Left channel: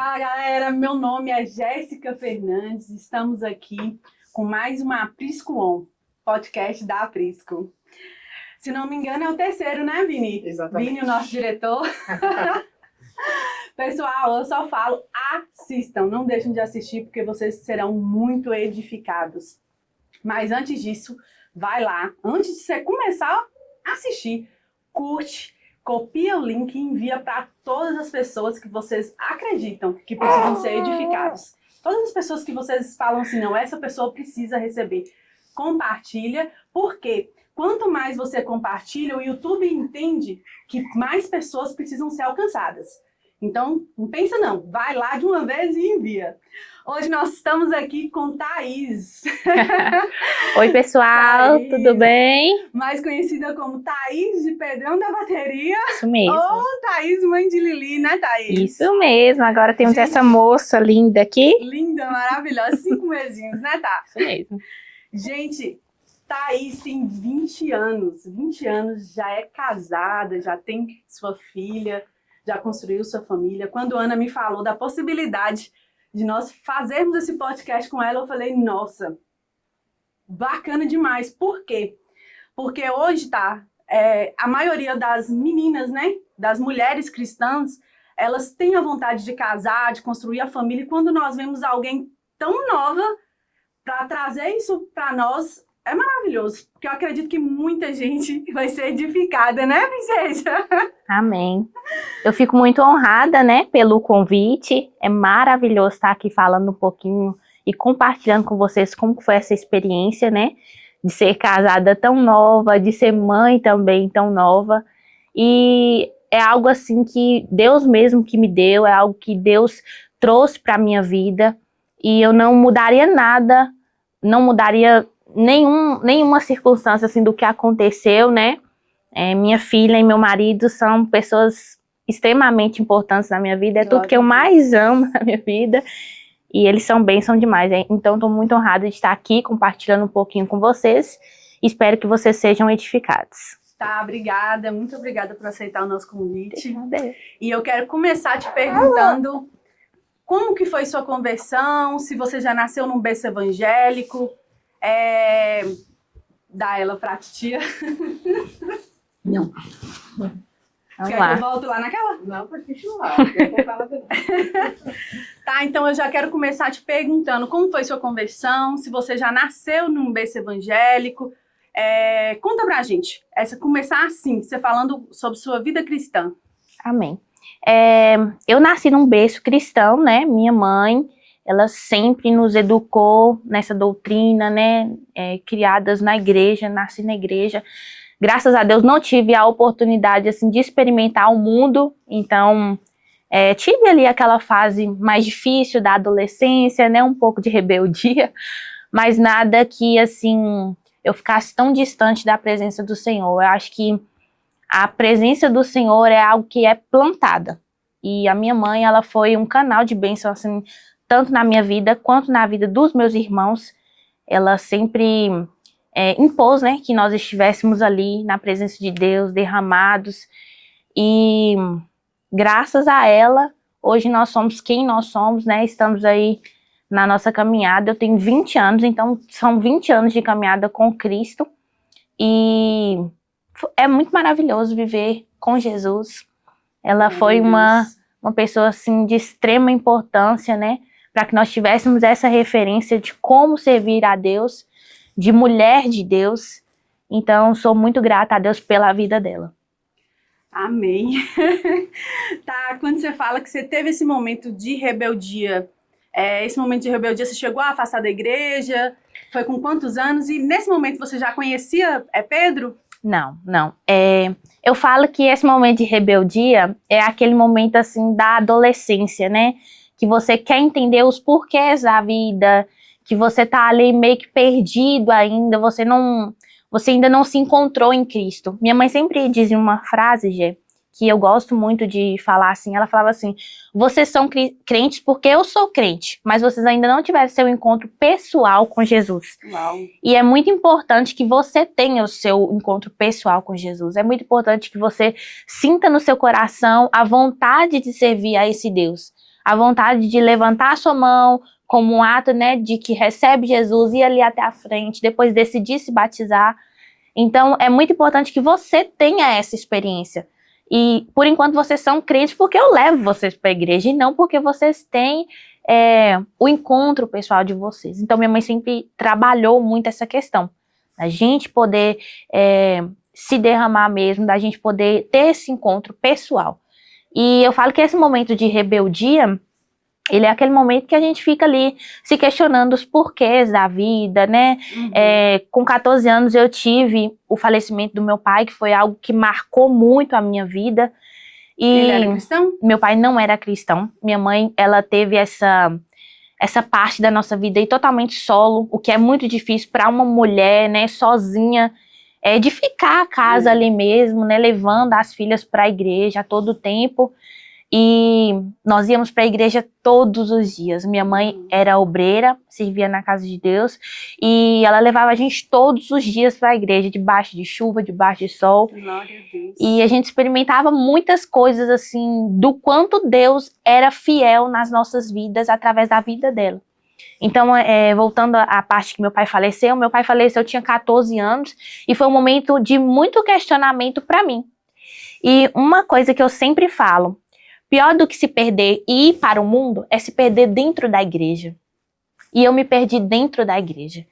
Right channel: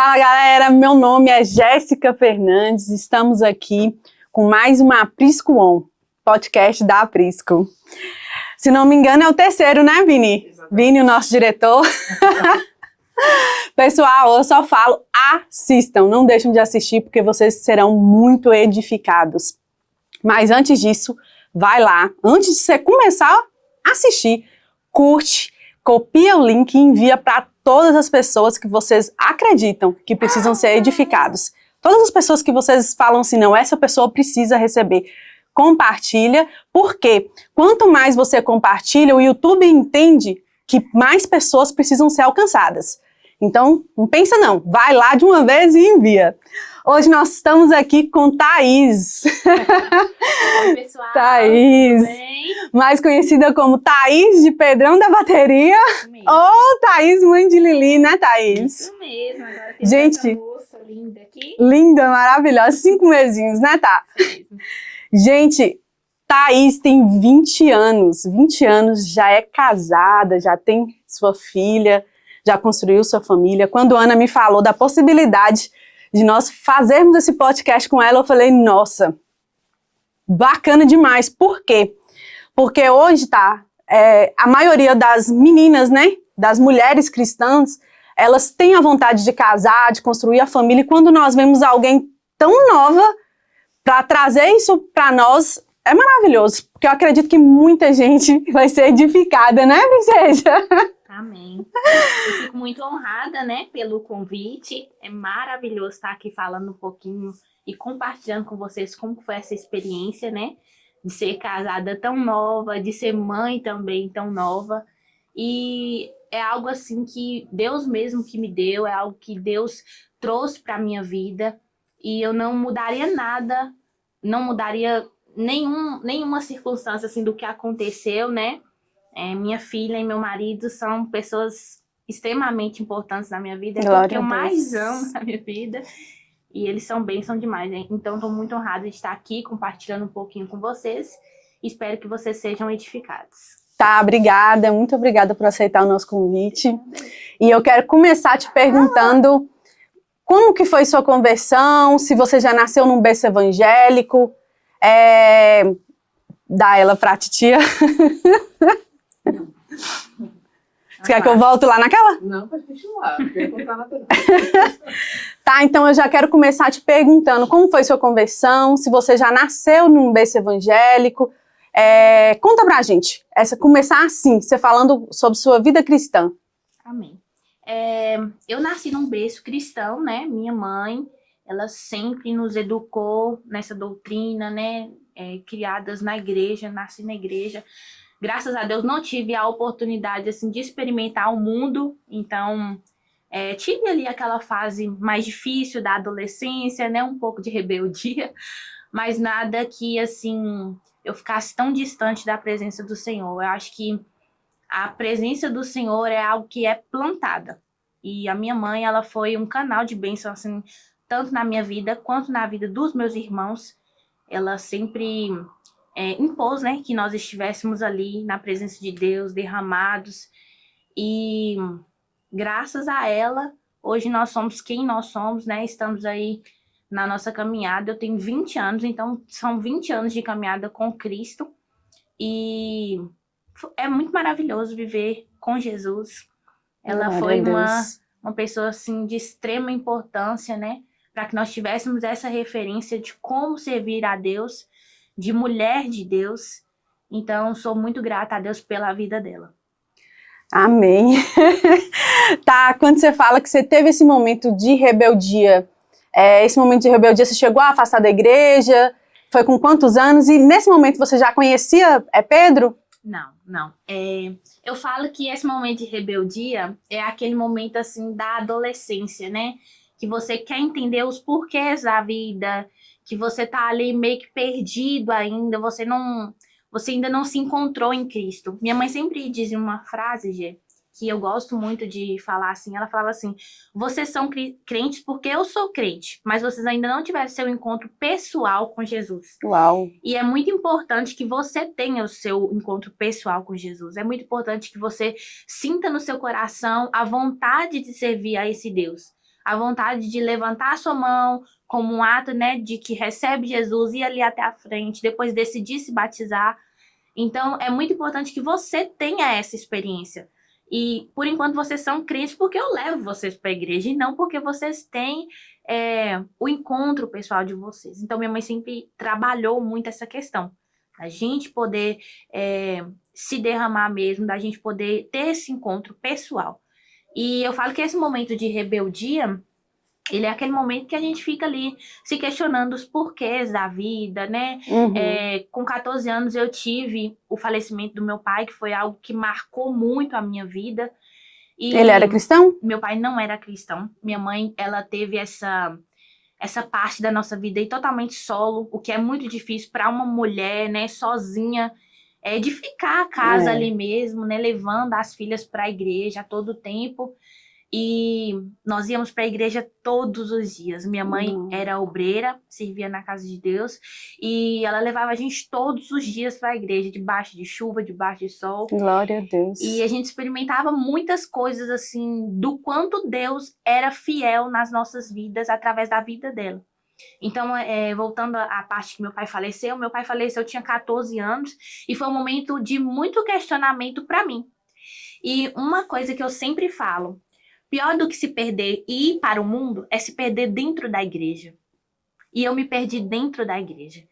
Fala galera, meu nome é Jéssica Fernandes, estamos aqui com mais uma Aprisco On, podcast da Aprisco. Se não me engano é o terceiro, né, Vini? Exatamente. Vini, o nosso diretor. Pessoal, eu só falo, assistam, não deixem de assistir porque vocês serão muito edificados. Mas antes disso, vai lá, antes de você começar a assistir, curte, copia o link e envia para todas as pessoas que vocês acreditam que precisam ser edificados. Todas as pessoas que vocês falam assim, não, essa pessoa precisa receber. Compartilha, porque quanto mais você compartilha, o YouTube entende que mais pessoas precisam ser alcançadas. Então, não pensa não, vai lá de uma vez e envia. Hoje nós estamos aqui com Thaís. Oi, pessoal, Thaís, tudo bem? mais conhecida como Thaís de Pedrão da Bateria. Isso mesmo. Ou Thaís, mãe de Lili, né, Thaís? Isso mesmo, agora temos Gente, essa moça linda aqui. Linda, maravilhosa, 5 mesinhos, né, Tá? Isso mesmo. Gente, Thaís tem 20 anos, 20 anos, já é casada, já tem sua filha, já construiu sua família. Quando a Ana me falou da possibilidade de nós fazermos esse podcast com ela, eu falei, nossa, bacana demais. Por quê? Porque hoje, tá, a maioria das meninas, né, das mulheres cristãs, elas têm a vontade de casar, de construir a família, e quando nós vemos alguém tão nova para trazer isso para nós, é maravilhoso, porque eu acredito que muita gente vai ser edificada, né, princesa? Amém. Eu fico muito honrada, né, pelo convite. É maravilhoso estar aqui falando um pouquinho e compartilhando com vocês como foi essa experiência, né, de ser casada tão nova, de ser mãe também tão nova. E é algo assim que Deus mesmo que me deu, é algo que Deus trouxe para a minha vida. E eu não mudaria nada, não mudaria nenhuma circunstância assim do que aconteceu, né? Minha filha e meu marido são pessoas extremamente importantes na minha vida, é Glória tudo que eu a Deus. mais amo na minha vida. E eles são bênção demais, hein? Então estou muito honrada de estar aqui compartilhando um pouquinho com vocês. Espero que vocês sejam edificados. Tá, obrigada, muito obrigada por aceitar o nosso convite. E eu quero começar te perguntando como que foi sua conversão, se você já nasceu num berço evangélico. Dá ela pra titia. Não. Você quer que eu volte lá naquela? Não, pode continuar. Não quero contar nada não. Tá, então eu já quero começar te perguntando como foi sua conversão, se você já nasceu num berço evangélico. Conta pra gente, começar assim, você falando sobre sua vida cristã. Amém. Eu nasci num berço cristão, né? Minha mãe, ela sempre nos educou nessa doutrina, né? Criadas na igreja, nasci na igreja. Graças a Deus não tive a oportunidade assim, de experimentar o mundo, então tive ali aquela fase mais difícil da adolescência, né? Um pouco de rebeldia, mas nada que assim eu ficasse tão distante da presença do Senhor. Eu acho que a presença do Senhor é algo que é plantada. E a minha mãe, ela foi um canal de bênção, assim, tanto na minha vida quanto na vida dos meus irmãos. Ela sempre impôs, né, que nós estivéssemos ali na presença de Deus, derramados. E graças a ela, hoje nós somos quem nós somos, né? Estamos aí na nossa caminhada. Eu tenho 20 anos, então são 20 anos de caminhada com Cristo. E é muito maravilhoso viver com Jesus. Ela foi uma pessoa assim, de extrema importância, né? Para que nós tivéssemos essa referência de como servir a Deus, de mulher de Deus. Então, sou muito grata a Deus pela vida dela. Amém. Tá, quando você fala que você teve esse momento de rebeldia, você chegou a afastar da igreja? Foi com quantos anos? E nesse momento você já conhecia Pedro? Não. Eu falo que esse momento de rebeldia é aquele momento assim da adolescência, né? Que você quer entender os porquês da vida, que você tá ali meio que perdido ainda, você ainda não se encontrou em Cristo. Minha mãe sempre dizia uma frase, Gê, que eu gosto muito de falar assim, ela falava assim, vocês são crentes porque eu sou crente, mas vocês ainda não tiveram seu encontro pessoal com Jesus. Uau! E é muito importante que você tenha o seu encontro pessoal com Jesus, é muito importante que você sinta no seu coração a vontade de servir a esse Deus, a vontade de levantar a sua mão como um ato, né, de que recebe Jesus, ir ali até a frente, depois decidir se batizar. Então, é muito importante que você tenha essa experiência. E, por enquanto, vocês são crentes porque eu levo vocês para a igreja e não porque vocês têm o encontro pessoal de vocês. Então, minha mãe sempre trabalhou muito essa questão. A gente poder se derramar mesmo, da gente poder ter esse encontro pessoal. E eu falo que esse momento de rebeldia, ele é aquele momento que a gente fica ali se questionando os porquês da vida, né? Uhum. Com 14 anos eu tive o falecimento do meu pai, que foi algo que marcou muito a minha vida. E ele era cristão? Meu pai não era cristão. Minha mãe, ela teve essa parte da nossa vida aí totalmente solo, o que é muito difícil para uma mulher, né, sozinha, de ficar a casa ali mesmo, né, levando as filhas para a igreja a todo tempo. E nós íamos para a igreja todos os dias. Minha mãe era obreira, servia na casa de Deus, e ela levava a gente todos os dias para a igreja, debaixo de chuva, debaixo de sol. Glória a Deus. E a gente experimentava muitas coisas assim, do quanto Deus era fiel nas nossas vidas, através da vida dela. Então, voltando à parte que meu pai faleceu, eu tinha 14 anos, e foi um momento de muito questionamento para mim. E uma coisa que eu sempre falo, pior do que se perder e ir para o mundo é se perder dentro da igreja. E eu me perdi dentro da igreja.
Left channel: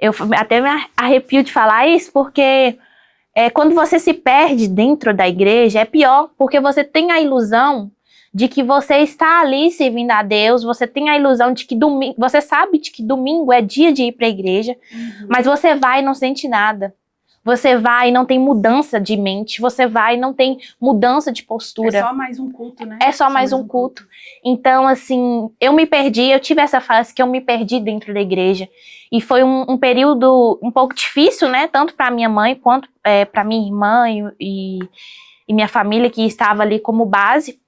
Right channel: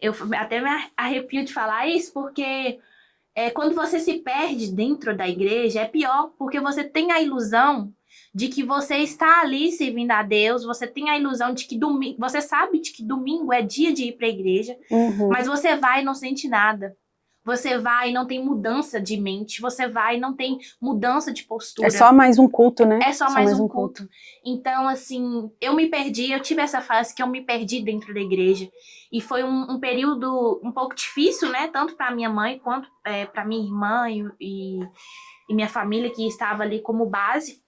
Eu até me arrepio de falar isso, porque quando você se perde dentro da igreja, é pior, porque você tem a ilusão de que você está ali servindo a Deus, você tem a ilusão de que domingo, você sabe de que domingo é dia de ir para a igreja, mas você vai e não sente nada. Você vai e não tem mudança de mente, você vai e não tem mudança de postura. É só mais um culto, né? É só mais um culto. Então, assim, eu me perdi, eu tive essa fase que eu me perdi dentro da igreja. E foi um período um pouco difícil, né? Tanto para minha mãe quanto para minha irmã e minha família, que estava ali como base.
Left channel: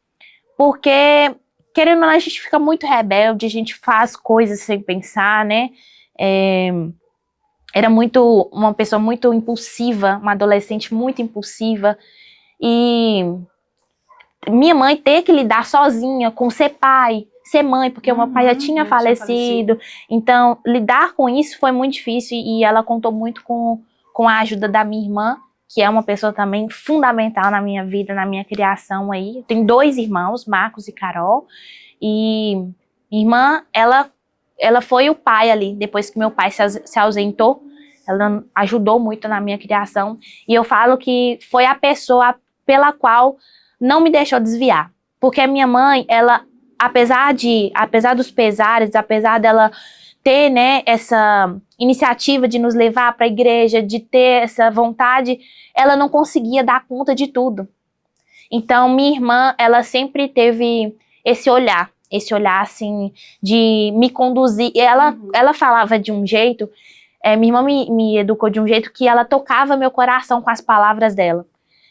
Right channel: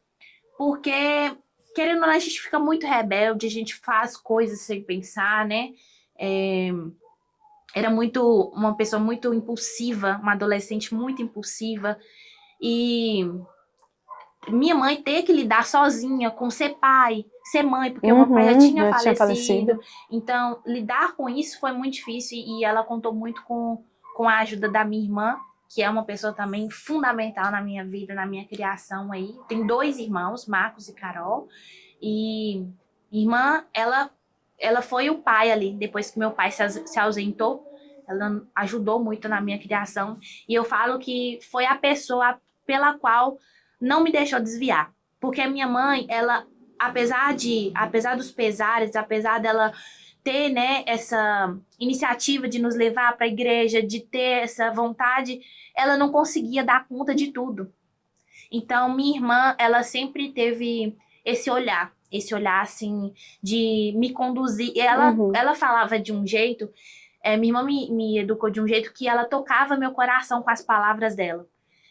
Porque, querendo ou não, a gente fica muito rebelde, a gente faz coisas sem pensar, né? Era uma pessoa muito impulsiva, uma adolescente muito impulsiva. E minha mãe ter que lidar sozinha com ser pai, ser mãe, porque o meu pai já tinha falecido. Então, lidar com isso foi muito difícil, e ela contou muito com a ajuda da minha irmã, que é uma pessoa também fundamental na minha vida, na minha criação aí. Eu tenho 2 irmãos, Marcos e Carol, e minha irmã, ela foi o pai ali, depois que meu pai se ausentou. Ela ajudou muito na minha criação. E eu falo que foi a pessoa pela qual não me deixou desviar. Porque a minha mãe, ela, apesar dos pesares, apesar dela ter, né, essa iniciativa de nos levar para a igreja, de ter essa vontade, ela não conseguia dar conta de tudo. Então, minha irmã, ela sempre teve esse olhar assim, de me conduzir. E ela falava de um jeito, minha irmã me educou de um jeito que ela tocava meu coração com as palavras dela.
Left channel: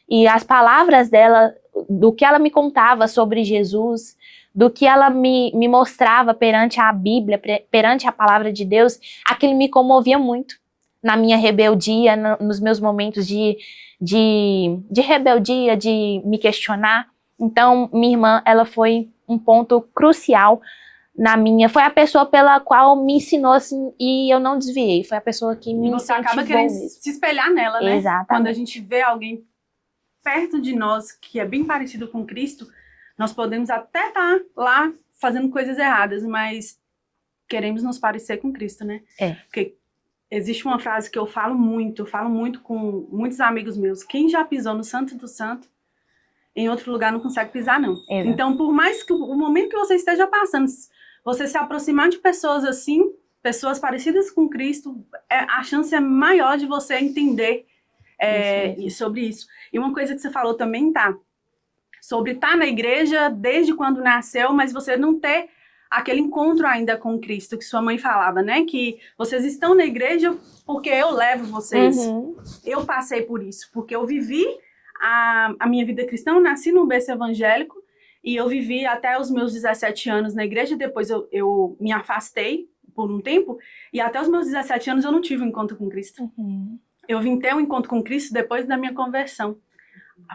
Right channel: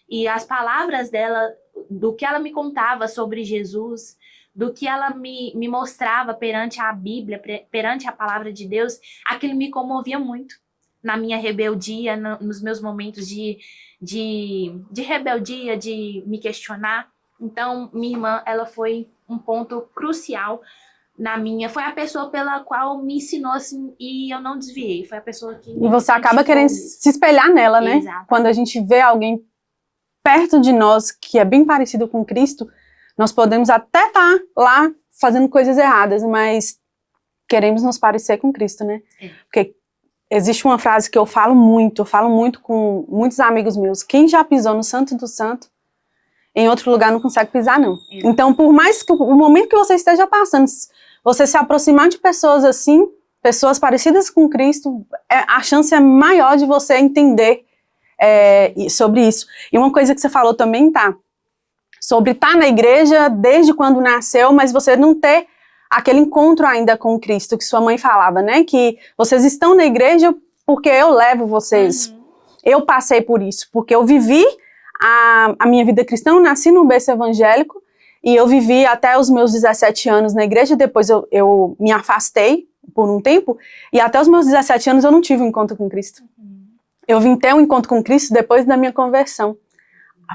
E as palavras dela, do que ela me contava sobre Jesus, do que ela me mostrava perante a Bíblia, perante a palavra de Deus, aquilo me comovia muito na minha rebeldia, nos meus momentos de rebeldia, de me questionar. Então, minha irmã, ela foi um ponto crucial foi a pessoa pela qual me ensinou assim, e eu não desviei. Foi a pessoa que me E você acaba querendo se espelhar nela, né? Exatamente. Quando a gente vê alguém perto de nós que é bem parecido com Cristo, nós podemos até estar lá fazendo coisas erradas, mas queremos nos parecer com Cristo, né? Porque existe uma frase que eu falo muito com muitos amigos meus: quem já pisou no Santo do Santo, em outro lugar não consegue pisar, não. Então, por mais que o momento que você esteja passando, você se aproximar de pessoas assim, pessoas parecidas com Cristo, a chance é maior de você entender sobre isso. E uma coisa que você falou também, sobre estar na igreja desde quando nasceu, mas você não ter aquele encontro ainda com Cristo, que sua mãe falava, né? Que vocês estão na igreja porque eu levo vocês. Eu passei por isso, porque eu vivi a minha vida cristã, eu nasci num berço evangélico, e eu vivi até os meus 17 anos na igreja. Depois eu me afastei por um tempo, e até os meus 17 anos eu não tive um encontro com Cristo. Eu vim ter um encontro com Cristo depois da minha conversão.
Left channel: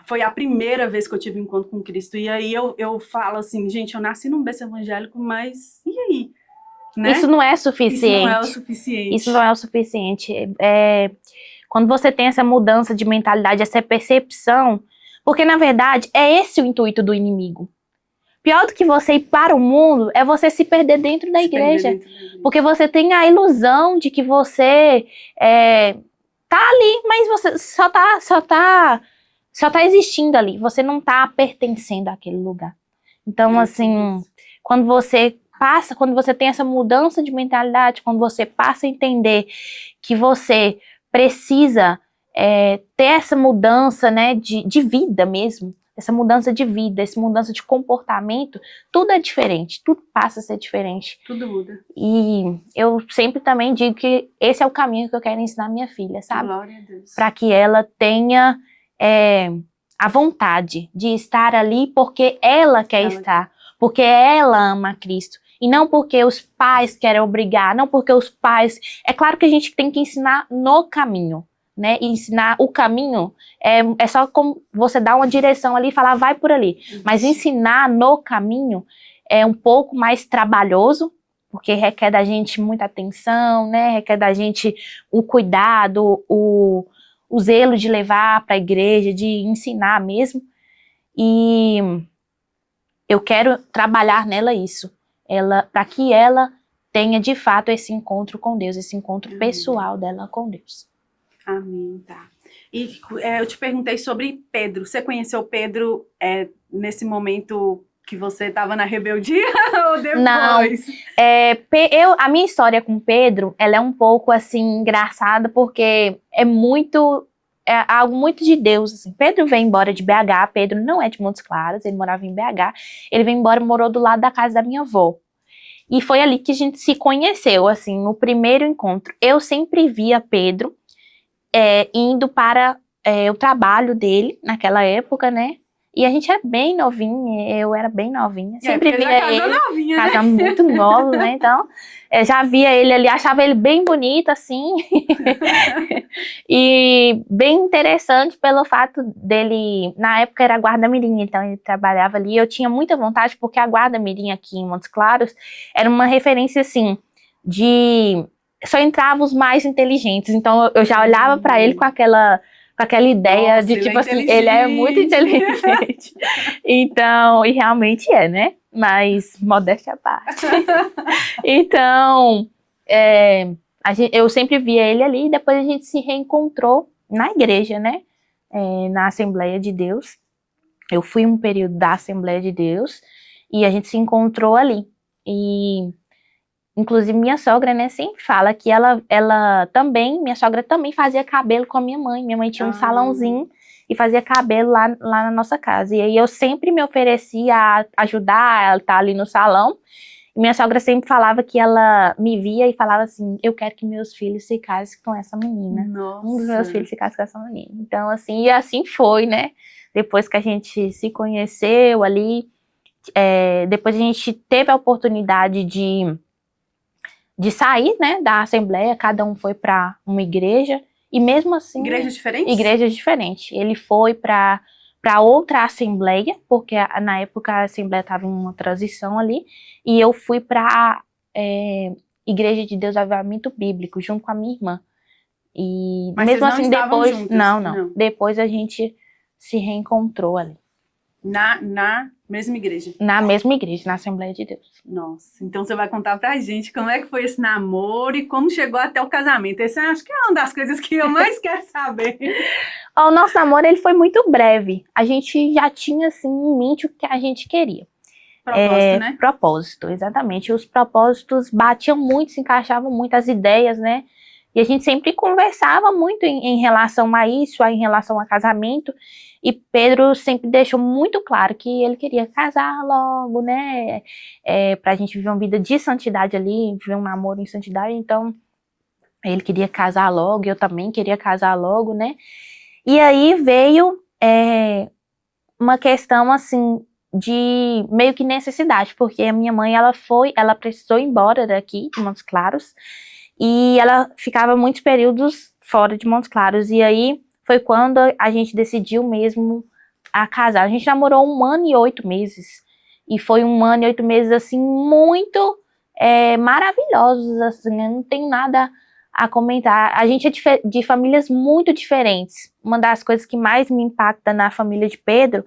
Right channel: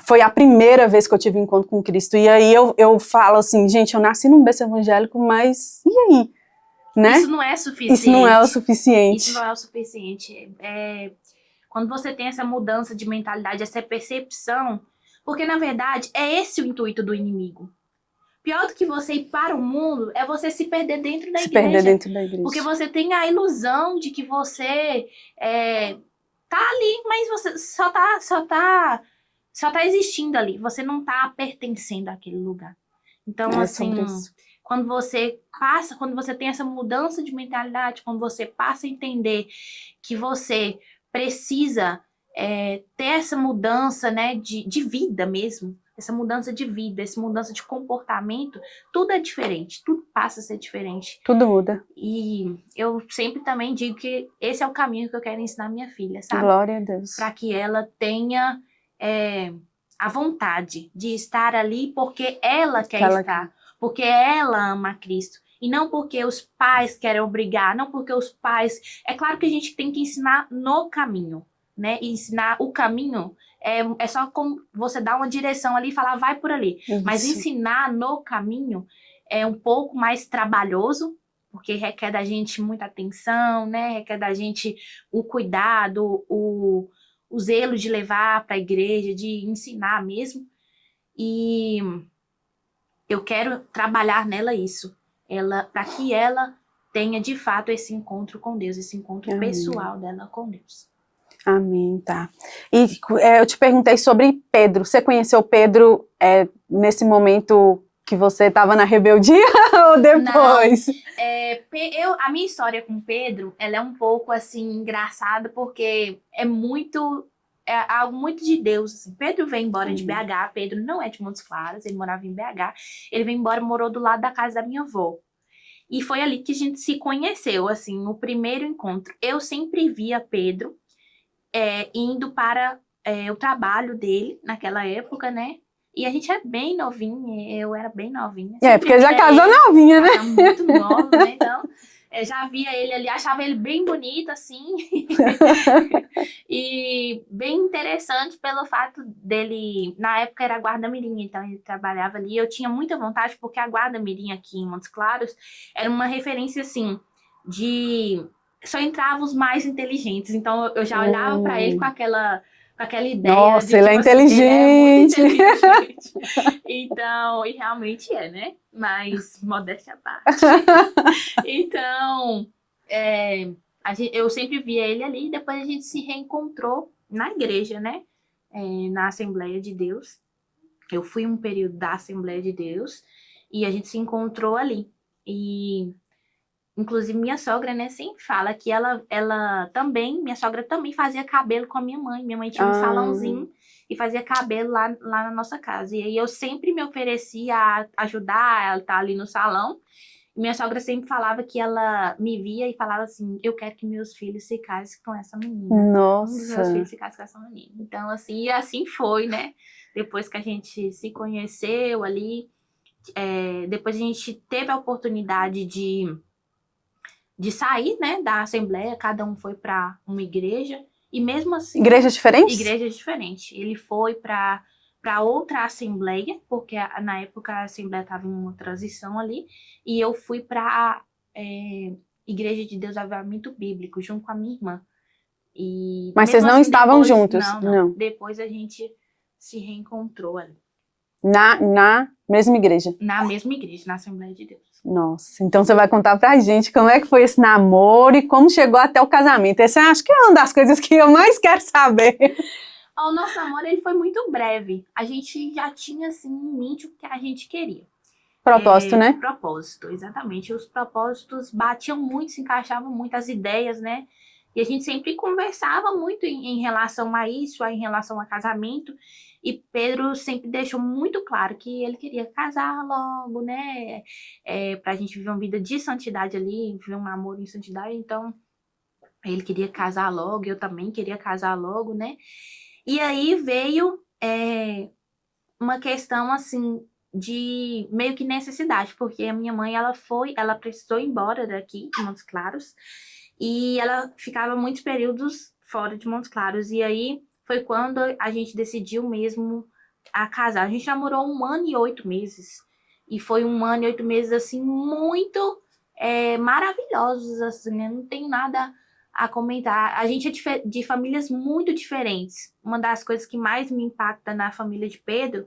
foi a primeira vez que eu tive encontro com Cristo. E aí eu falo assim, gente, eu nasci num berço evangélico, mas e aí? Né? Isso não é suficiente. Isso não é o suficiente. Isso não é o suficiente. Quando você tem essa mudança de mentalidade, essa percepção, porque na verdade é esse o intuito do inimigo. Pior do que você ir para o mundo é você se perder dentro da igreja. Perder dentro da igreja. Porque você tem a ilusão de que você tá ali, mas você só tá existindo ali. Você não tá pertencendo àquele lugar. Então, assim, quando você tem essa mudança de mentalidade, quando você passa a entender que você precisa ter essa mudança, né, de vida mesmo, essa mudança de vida, essa mudança de comportamento, tudo é diferente, tudo passa a ser diferente. Tudo muda. E eu sempre também digo que esse é o caminho que eu quero ensinar minha filha, sabe? Glória a Deus. Para que ela tenha a vontade de estar ali porque ela quer estar, porque ela ama Cristo. E não porque os pais querem obrigar, não porque os pais... É claro que a gente tem que ensinar no caminho, né? E ensinar o caminho é só como você dar uma direção ali e falar, vai por ali. Isso. Mas ensinar no caminho é um pouco mais trabalhoso, porque requer da gente muita atenção, né? Requer da gente o cuidado, o zelo de levar para a igreja, de ensinar mesmo. E eu quero trabalhar nela isso. Para que ela tenha de fato esse encontro com Deus, esse encontro pessoal dela com Deus. Amém, tá. E eu te perguntei sobre Pedro. Você conheceu Pedro nesse momento que você estava na rebeldia ou depois? Não, a minha história com Pedro, ela é um pouco assim engraçada porque é algo muito de Deus, assim. Pedro veio embora de BH, Pedro não é de Montes Claros, ele morava em BH, ele veio embora e morou do lado da casa da minha avó. E foi ali que a gente se conheceu, assim, no primeiro encontro. Eu sempre via Pedro indo para o trabalho dele naquela época, né? E a gente é bem novinha, eu era bem novinha. Porque já casou novinha, né? Casamos muito novo, né? Então, já via ele ali, achava ele bem bonito, assim. E bem interessante pelo fato dele... Na época era guarda-mirim, então ele trabalhava ali. Eu tinha muita vontade, porque a guarda-mirim aqui em Montes Claros era uma referência, assim, de... Só entravam os mais inteligentes. Então, eu já olhava para ele com aquela ideia. Nossa, de ele tipo é assim, inteligente. ele é muito inteligente. Então, e realmente né? Mas modéstia à parte. Então, eu sempre via ele ali e depois a gente se reencontrou na igreja, né? Na Assembleia de Deus. Eu fui um período da Assembleia de Deus e a gente se encontrou ali. E inclusive, minha sogra, né, sempre fala que minha sogra também fazia cabelo com a minha mãe. Minha mãe tinha um salãozinho e fazia cabelo lá na nossa casa. E aí eu sempre me oferecia a ajudar, ela tá ali no salão. E minha sogra sempre falava que ela me via e falava assim, eu quero que meus filhos se casem com essa menina. Nossa. Um dos meus filhos se case com essa menina. Então, assim, e assim foi, né? Depois que a gente se conheceu ali, depois a gente teve a oportunidade de sair, né, da Assembleia, cada um foi para uma igreja, e mesmo assim... Igrejas diferentes? Igrejas diferentes. Ele foi para outra Assembleia, porque na época a Assembleia estava em uma transição ali, e eu fui para Igreja de Deus Avivamento Bíblico, junto com a minha irmã. Mas vocês não estavam juntos? Não. Depois a gente se reencontrou ali. Na mesma igreja? Na mesma igreja, na Assembleia de Deus. Nossa, então você vai contar pra gente como é que foi esse namoro e como chegou até o casamento. Essa acho que é uma das coisas que eu mais quero saber. O nosso namoro ele foi muito breve. A gente já tinha assim em mente o que a gente queria. Propósito, né? Propósito, exatamente. Os propósitos batiam muito, se encaixavam muito as ideias, né? E a gente sempre conversava muito em relação a isso, em relação a casamento. E Pedro sempre deixou muito claro que ele queria casar logo, né? Pra gente viver uma vida de santidade ali, viver um namoro em santidade. Então, ele queria casar logo, eu também queria casar logo, né? E aí veio uma questão, assim, de meio que necessidade, porque a minha mãe, ela precisou ir embora daqui, de Montes Claros, e ela ficava muitos períodos fora de Montes Claros. E aí foi quando a gente decidiu mesmo a casar. A gente namorou 1 ano e 8 meses. E foi 1 ano e 8 meses, assim, muito maravilhosos, assim, eu não tenho nada a comentar. A gente é de famílias muito diferentes. Uma das coisas que mais me impacta na família de Pedro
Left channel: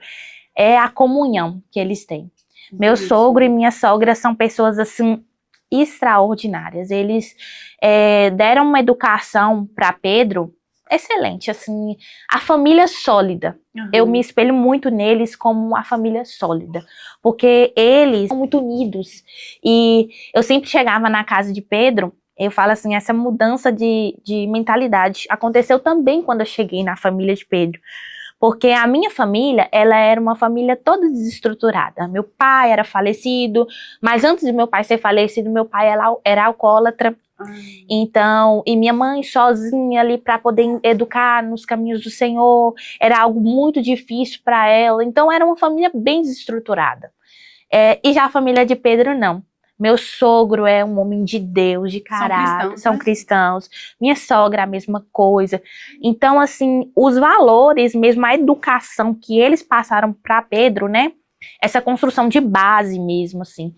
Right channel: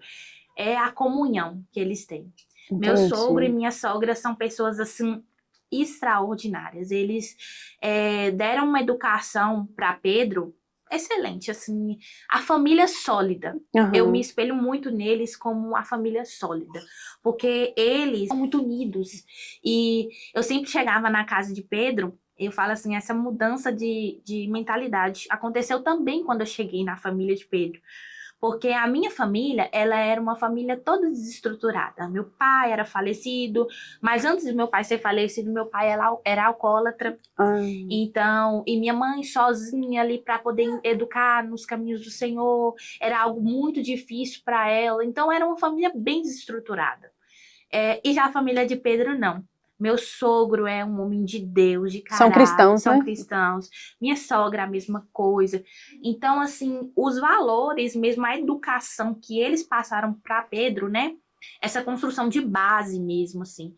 é a comunhão que eles têm. Meu sogro e minha sogra são pessoas, assim, extraordinárias. Eles deram uma educação para Pedro excelente, assim, a família sólida. Eu me espelho muito neles como uma família sólida, porque eles são muito unidos. E eu sempre chegava na casa de Pedro, eu falo assim, essa mudança de mentalidade aconteceu também quando eu cheguei na família de Pedro. Porque a minha família, ela era uma família toda desestruturada. Meu pai era falecido, mas antes de meu pai ser falecido, meu pai era alcoólatra. Então, e minha mãe sozinha ali para poder educar nos caminhos do Senhor, era algo muito difícil para ela. Então, era uma família bem desestruturada. E já a família de Pedro, não. Meu sogro é um homem de Deus, de caráter. São cristãos, são né? cristãos. Minha sogra, a mesma coisa. Então, assim, os valores, mesmo a educação que eles passaram para Pedro, né? Essa construção de base mesmo, assim,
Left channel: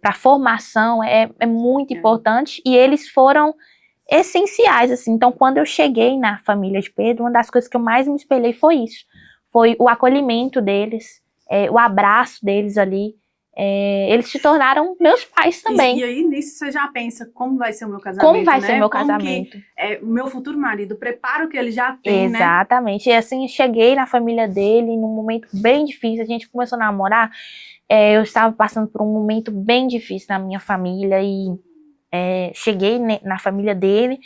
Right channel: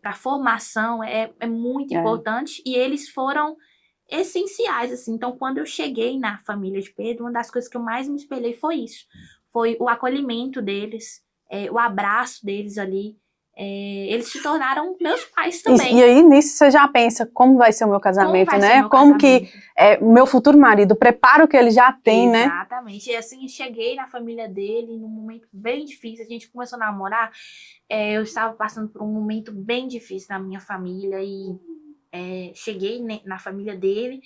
para formação é muito importante. E eles foram essenciais, assim. Então, quando eu cheguei na família de Pedro, uma das coisas que eu mais me espelhei foi isso. Foi o acolhimento deles, o abraço deles ali. Eles se tornaram meus pais também. E aí, nisso, você já pensa como vai ser o meu casamento, como vai né? ser meu como casamento. que o meu futuro marido, o preparo que ele já tem, né? Exatamente. E assim, cheguei na família dele num momento bem difícil. A gente começou a namorar. Eu estava passando por um momento bem difícil na minha família e cheguei na família dele.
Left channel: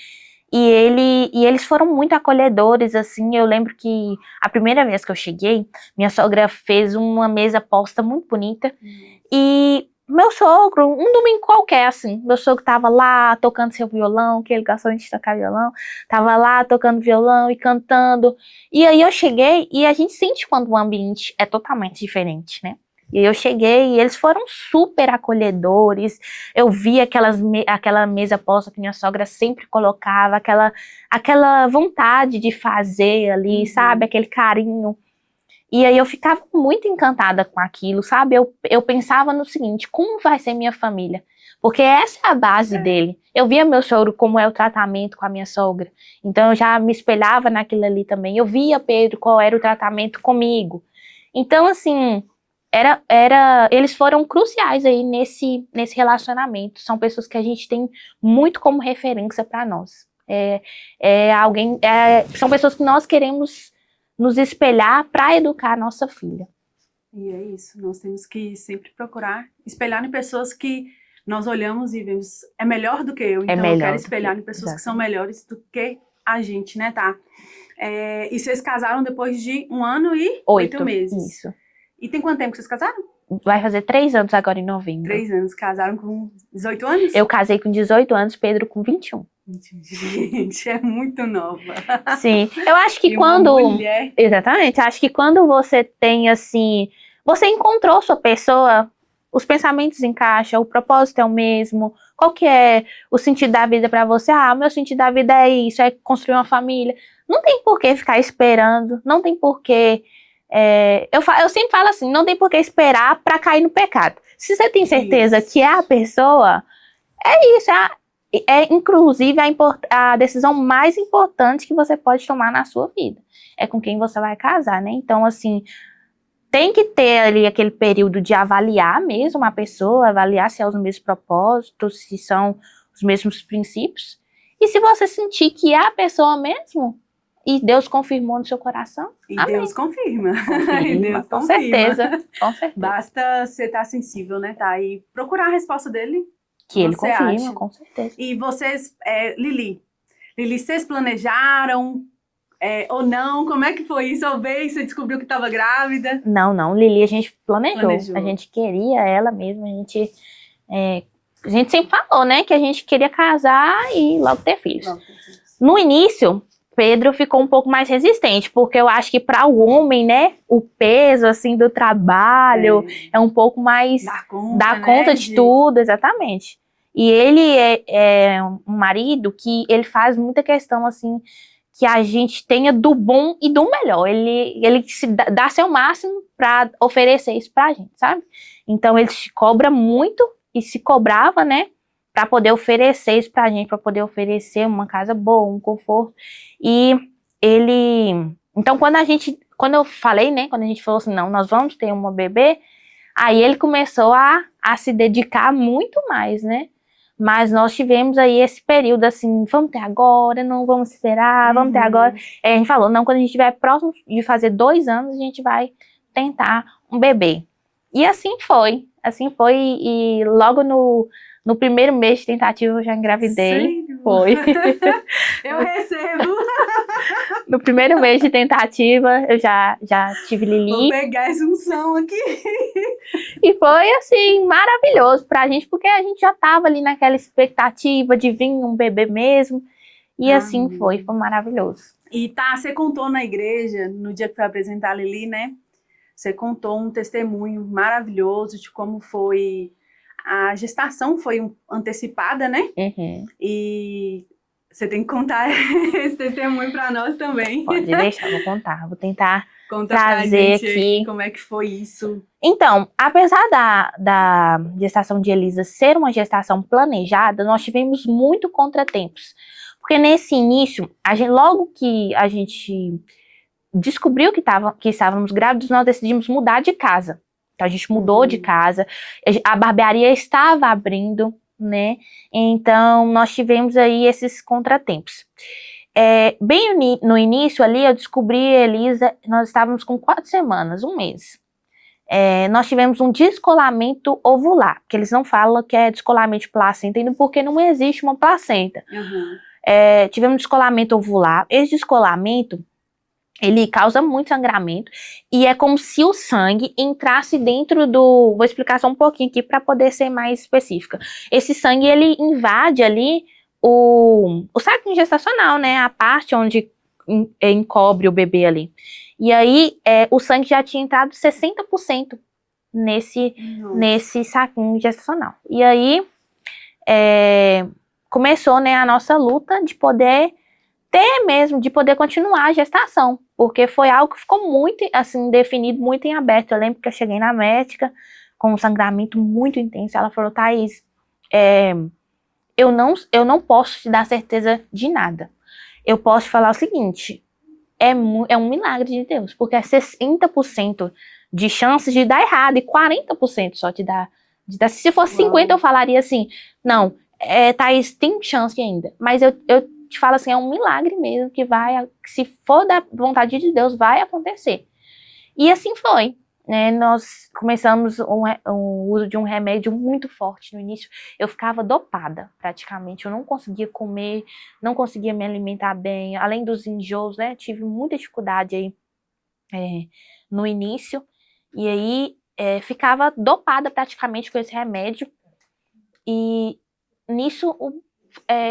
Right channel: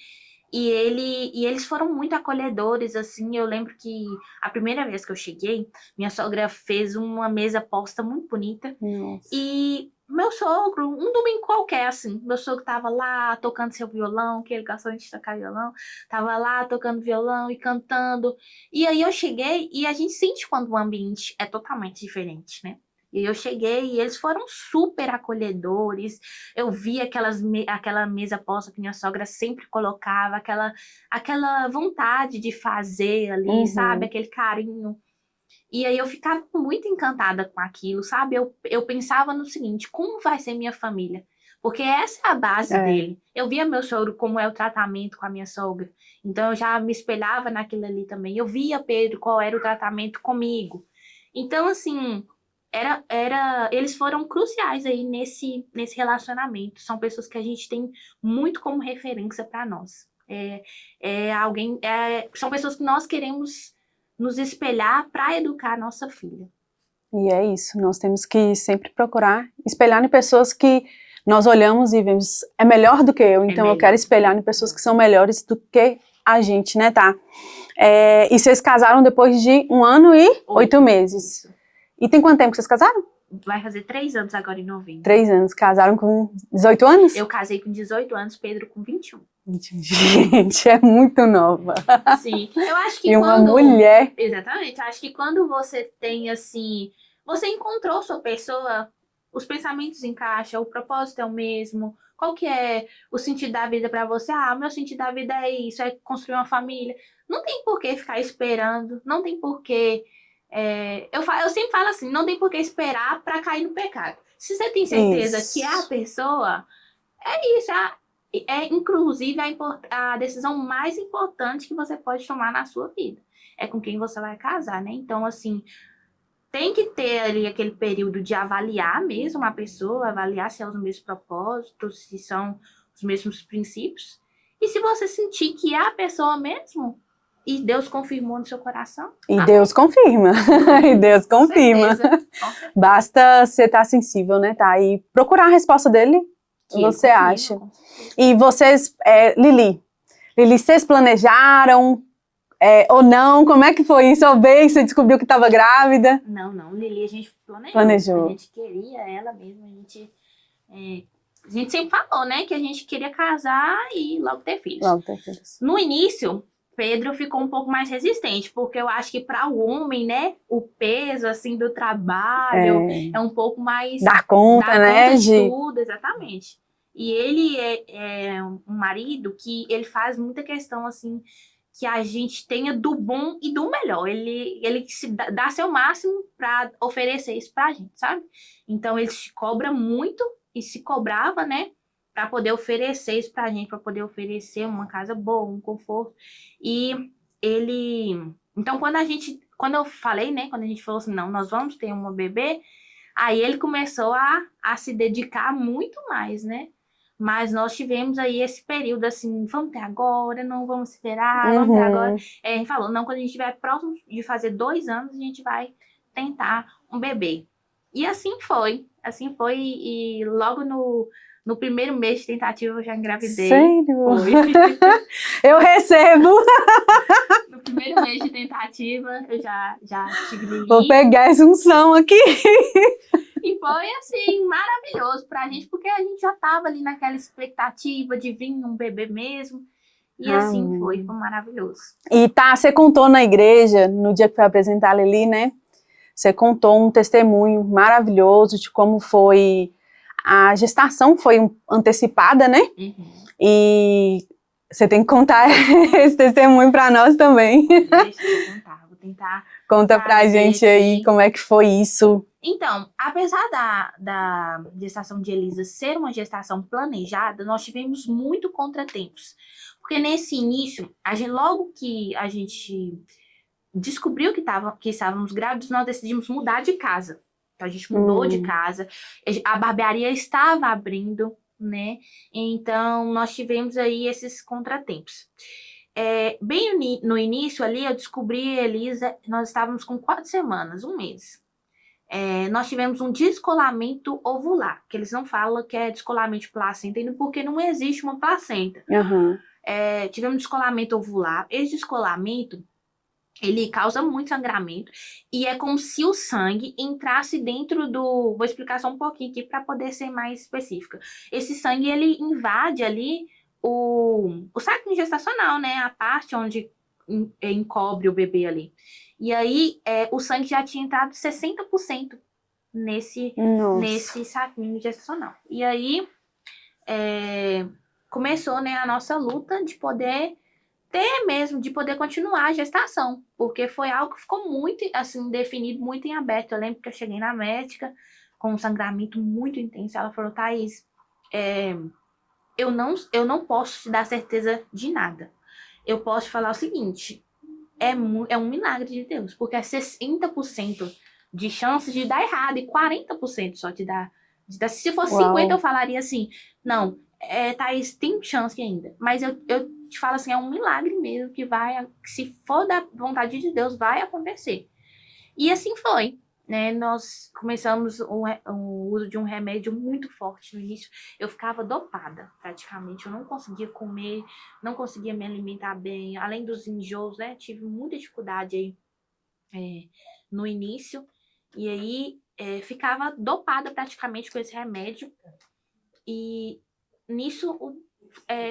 E eles foram muito acolhedores, assim. Eu lembro que a primeira vez que eu cheguei, minha sogra fez uma mesa posta muito bonita. Nossa. E meu sogro, um domingo qualquer, assim, meu sogro tava lá tocando seu violão, que ele gostou de tocar violão, tava lá tocando violão e cantando. E aí eu cheguei e a gente sente quando o ambiente é totalmente diferente, né? E eu cheguei e eles foram super acolhedores. Eu vi aquela mesa posta que minha sogra sempre colocava, aquela vontade de fazer ali, sabe? Aquele carinho. E aí eu ficava muito encantada com aquilo, sabe? Eu pensava no seguinte, como vai ser minha família? Porque essa é a base dele. Eu via meu sogro como é o tratamento com a minha sogra. Então eu já me espelhava naquilo ali também. Eu via Pedro qual era o tratamento comigo. Então, assim, eles foram cruciais aí nesse relacionamento. São pessoas que a gente tem muito como referência para nós. São pessoas que nós queremos nos espelhar para educar a nossa filha. E é isso, nós temos que sempre procurar espelhar em pessoas que nós olhamos e vemos, é melhor do que eu, então eu quero espelhar em pessoas que são melhores do que a gente, né, tá? E vocês casaram depois de 1 ano e 8 meses. Isso. E tem quanto tempo que vocês casaram? Vai fazer 3 anos agora em novembro. 3 anos, casaram com 18 anos? Eu casei com 18 anos, Pedro com 21. Gente, é muito nova. Sim, eu acho que e quando... uma mulher... Exatamente, acho que quando você tem, assim... Você encontrou sua pessoa, os pensamentos encaixam, o propósito é o mesmo. Qual que é o sentido da vida para você? Ah, meu sentido da vida é isso, é construir uma família. Não tem por que ficar esperando, não tem por que... eu sempre falo assim, não tem por que esperar para cair no pecado. Se você tem certeza que é a pessoa, é isso, inclusive a decisão mais importante que você pode tomar na sua vida. É com quem você vai casar, né? Então, assim, tem que ter ali aquele período de avaliar mesmo a pessoa, avaliar se é os mesmos propósitos, se são os mesmos princípios. E se você sentir que é a pessoa mesmo, e Deus confirmou no seu coração. E amém. Deus confirma. E Deus confirma. Com certeza. Basta você estar sensível, né, tá? E procurar a resposta dele. Que ele você confirma, acha? Com certeza. E vocês, Lili, vocês planejaram ou não? Como é que foi isso? Ou bem, você descobriu que estava grávida? Não, Lili, a gente planejou. A gente queria ela mesmo, a gente sempre falou, né, que a gente queria casar e logo ter filhos. No início, Pedro ficou um pouco mais resistente, porque eu acho que para o homem, né, o peso, assim, do trabalho é um pouco mais... Dar conta de tudo, exatamente. E ele é um marido que ele faz muita questão, assim, que a gente tenha do bom e do melhor. Ele se dá seu máximo para oferecer isso pra gente, sabe? Então ele se cobra muito e se cobrava, né? Para poder oferecer isso pra gente, para poder oferecer uma casa boa, um conforto. E ele... Então quando eu falei, né? Quando a gente falou assim, não, nós vamos ter uma bebê, aí ele começou a se dedicar muito mais, né? Mas nós tivemos aí esse período assim, vamos ter agora, não vamos esperar, vamos ter agora. Aí a gente falou, não, quando a gente estiver próximo de fazer 2 anos, a gente vai tentar um bebê. E assim foi e logo no primeiro mês de tentativa eu já engravidei. Sério? Foi. Eu recebo. No primeiro mês de tentativa eu já tive Lili. Vou pegar essa unção aqui. E foi, assim, maravilhoso pra gente, porque a gente já tava ali naquela expectativa de vir um bebê mesmo. E assim foi maravilhoso. E você contou na igreja, no dia que foi apresentar a Lili, né? Você contou um testemunho maravilhoso de como foi... A gestação foi antecipada, né? E você tem que contar esse testemunho pra nós também. Pode deixar, vou contar. Vou tentar Conta pra gente aí aqui como é que foi isso. Então, apesar da gestação de Elisa ser uma gestação planejada, nós tivemos muito contratempos. Porque nesse início, logo que a gente descobriu que estávamos grávidos, nós decidimos mudar de casa. Então, a gente mudou de casa, a barbearia estava abrindo, né? Então, nós tivemos aí esses contratempos. Bem no início ali, eu descobri a Elisa, nós estávamos com 4 semanas, 1 mês. Nós tivemos um descolamento ovular, que eles não falam que é descolamento de placenta, ainda porque não existe uma placenta. Tivemos descolamento ovular. Esse descolamento, ele causa muito sangramento e é como se o sangue entrasse dentro do... Vou explicar só um pouquinho aqui para poder ser mais específica. Esse sangue, ele invade ali o saco gestacional, né? A parte onde encobre o bebê ali. E aí, o sangue já tinha entrado 60% nesse saquinho gestacional. E aí, começou, né, a nossa luta de poder de poder continuar a gestação, porque foi algo que ficou muito, assim, definido, muito em aberto. Eu lembro que eu cheguei na médica com um sangramento muito intenso, ela falou, Thaís, eu não posso te dar certeza de nada. Eu posso te falar o seguinte, é um milagre de Deus, porque é 60% de chances de dar errado e 40% só de dar. Se fosse 50%, eu falaria assim, não, Thaís, tem chance ainda. Mas eu te falo assim, é um milagre mesmo que se for da vontade de Deus, vai acontecer. E assim foi. Nós começamos o uso de um remédio muito forte no início. Eu ficava dopada, praticamente. Eu não conseguia comer, não conseguia me alimentar bem. Além dos enjoos, né? Tive muita dificuldade aí no início. E aí, ficava dopada praticamente com esse remédio. E nisso,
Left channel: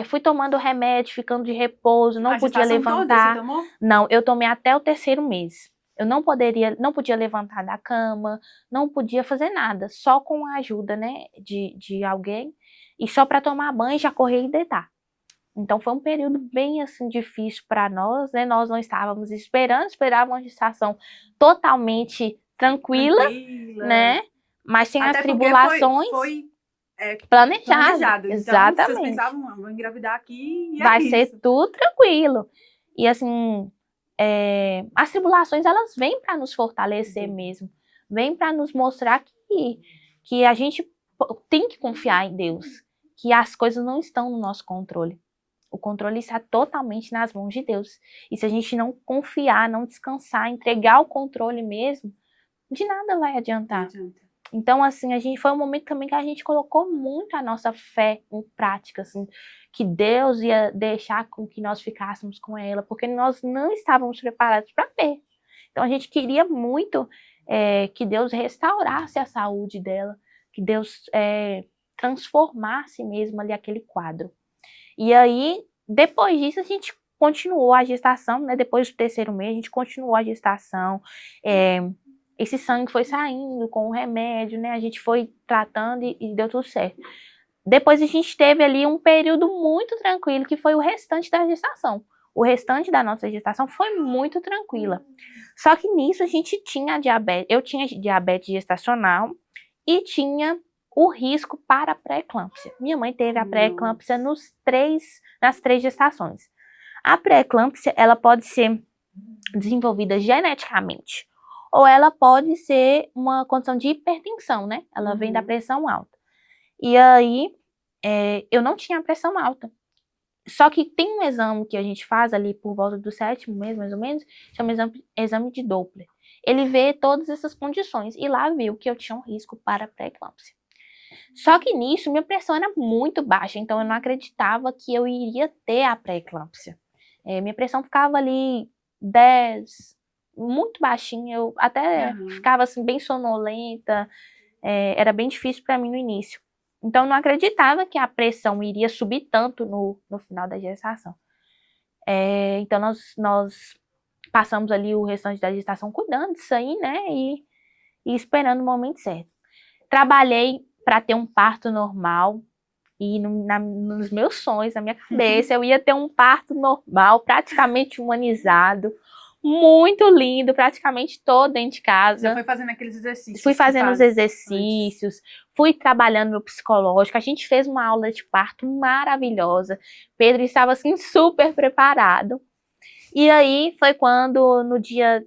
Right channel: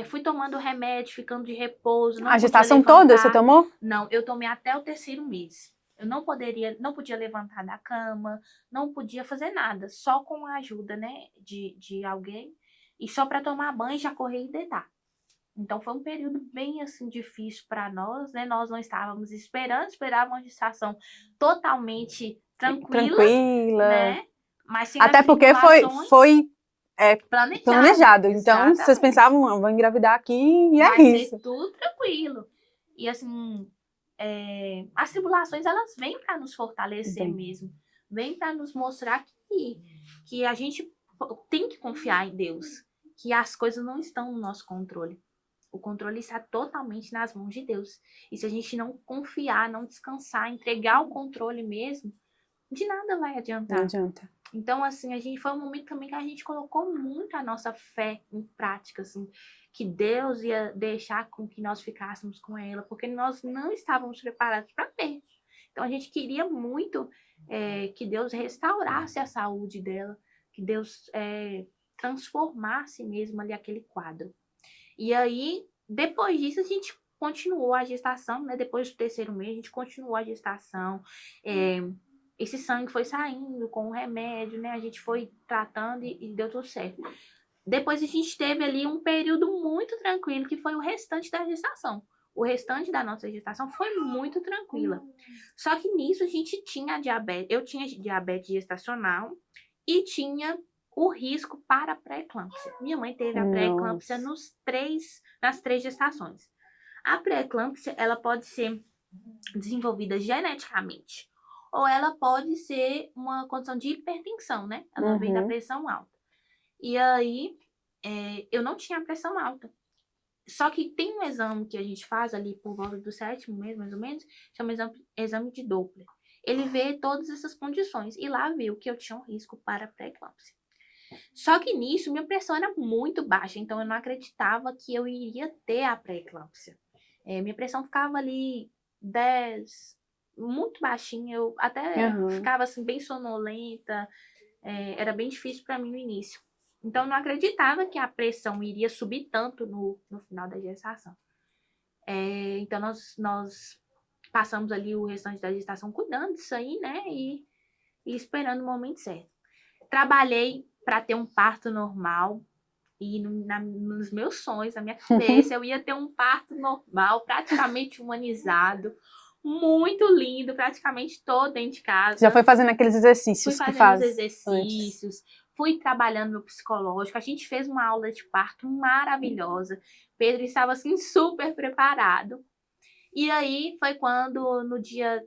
fui tomando remédio, ficando de repouso. Não a podia gestação levantar. toda você tomou? Não, eu tomei até o 3º mês. Eu não podia levantar da cama, não podia fazer nada, só com a ajuda, né, de alguém, e só para tomar banho, já correr e deitar. Então foi um período bem assim difícil para nós, né? Nós não estávamos esperávamos uma gestação totalmente tranquila, né? Mas sem até as porque foi planejado. Então exatamente. Vocês pensavam, vou engravidar aqui e vai ser tudo tranquilo. E assim, as tribulações, elas vêm para nos fortalecer mesmo. Vêm para nos mostrar que a gente tem que confiar em Deus. Que as coisas não estão no nosso controle. O controle está totalmente nas mãos de Deus. E se a gente não confiar, não descansar, entregar o controle mesmo, de nada vai adiantar. Não adianta. Então, assim, foi um momento também que a gente colocou muito a nossa fé em prática, assim, que Deus ia deixar com que nós ficássemos com ela, porque nós não estávamos preparados para ver. Então, a gente queria muito que Deus restaurasse a saúde dela, que Deus transformasse mesmo ali aquele quadro. E aí, depois disso, a gente continuou a gestação, né? Depois do 3º mês, a gente continuou a gestação. Esse sangue foi saindo com o remédio, né? A gente foi tratando e deu tudo certo. Depois a gente teve ali um período muito tranquilo, que foi o restante da gestação. o restante da nossa gestação foi muito tranquila. Só que nisso a gente tinha diabetes, eu tinha diabetes gestacional e tinha o risco para a pré-eclâmpsia. Minha mãe teve a pré-eclâmpsia nas 3 gestações. A pré-eclâmpsia, ela pode ser desenvolvida geneticamente, ou ela pode ser uma condição de hipertensão, né? Ela vem da pressão alta. E aí, eu não tinha pressão alta. Só que tem um exame que a gente faz ali por volta do 7º mês, mais ou menos, chama exame de Doppler. Ele vê todas essas condições e lá viu que eu tinha um risco para pré-eclâmpsia. Só que nisso, minha pressão era muito baixa, então eu não acreditava que eu iria ter a pré-eclâmpsia. Minha pressão ficava ali 10, muito baixinha, eu até ficava assim bem sonolenta, era bem difícil para mim no início. Então eu não acreditava que a pressão iria subir tanto no final da gestação. Então nós passamos ali o restante da gestação cuidando disso aí, né, e esperando o momento certo. Trabalhei para ter um parto normal. E nos meus sonhos, na minha cabeça, eu ia ter um parto normal, praticamente humanizado, muito lindo, praticamente todo dentro de casa. Já foi fazendo aqueles exercícios? Fui fazendo os exercícios, fui trabalhando meu psicológico. A gente fez uma aula de parto maravilhosa. Pedro estava, assim, super preparado. E aí, foi quando, no dia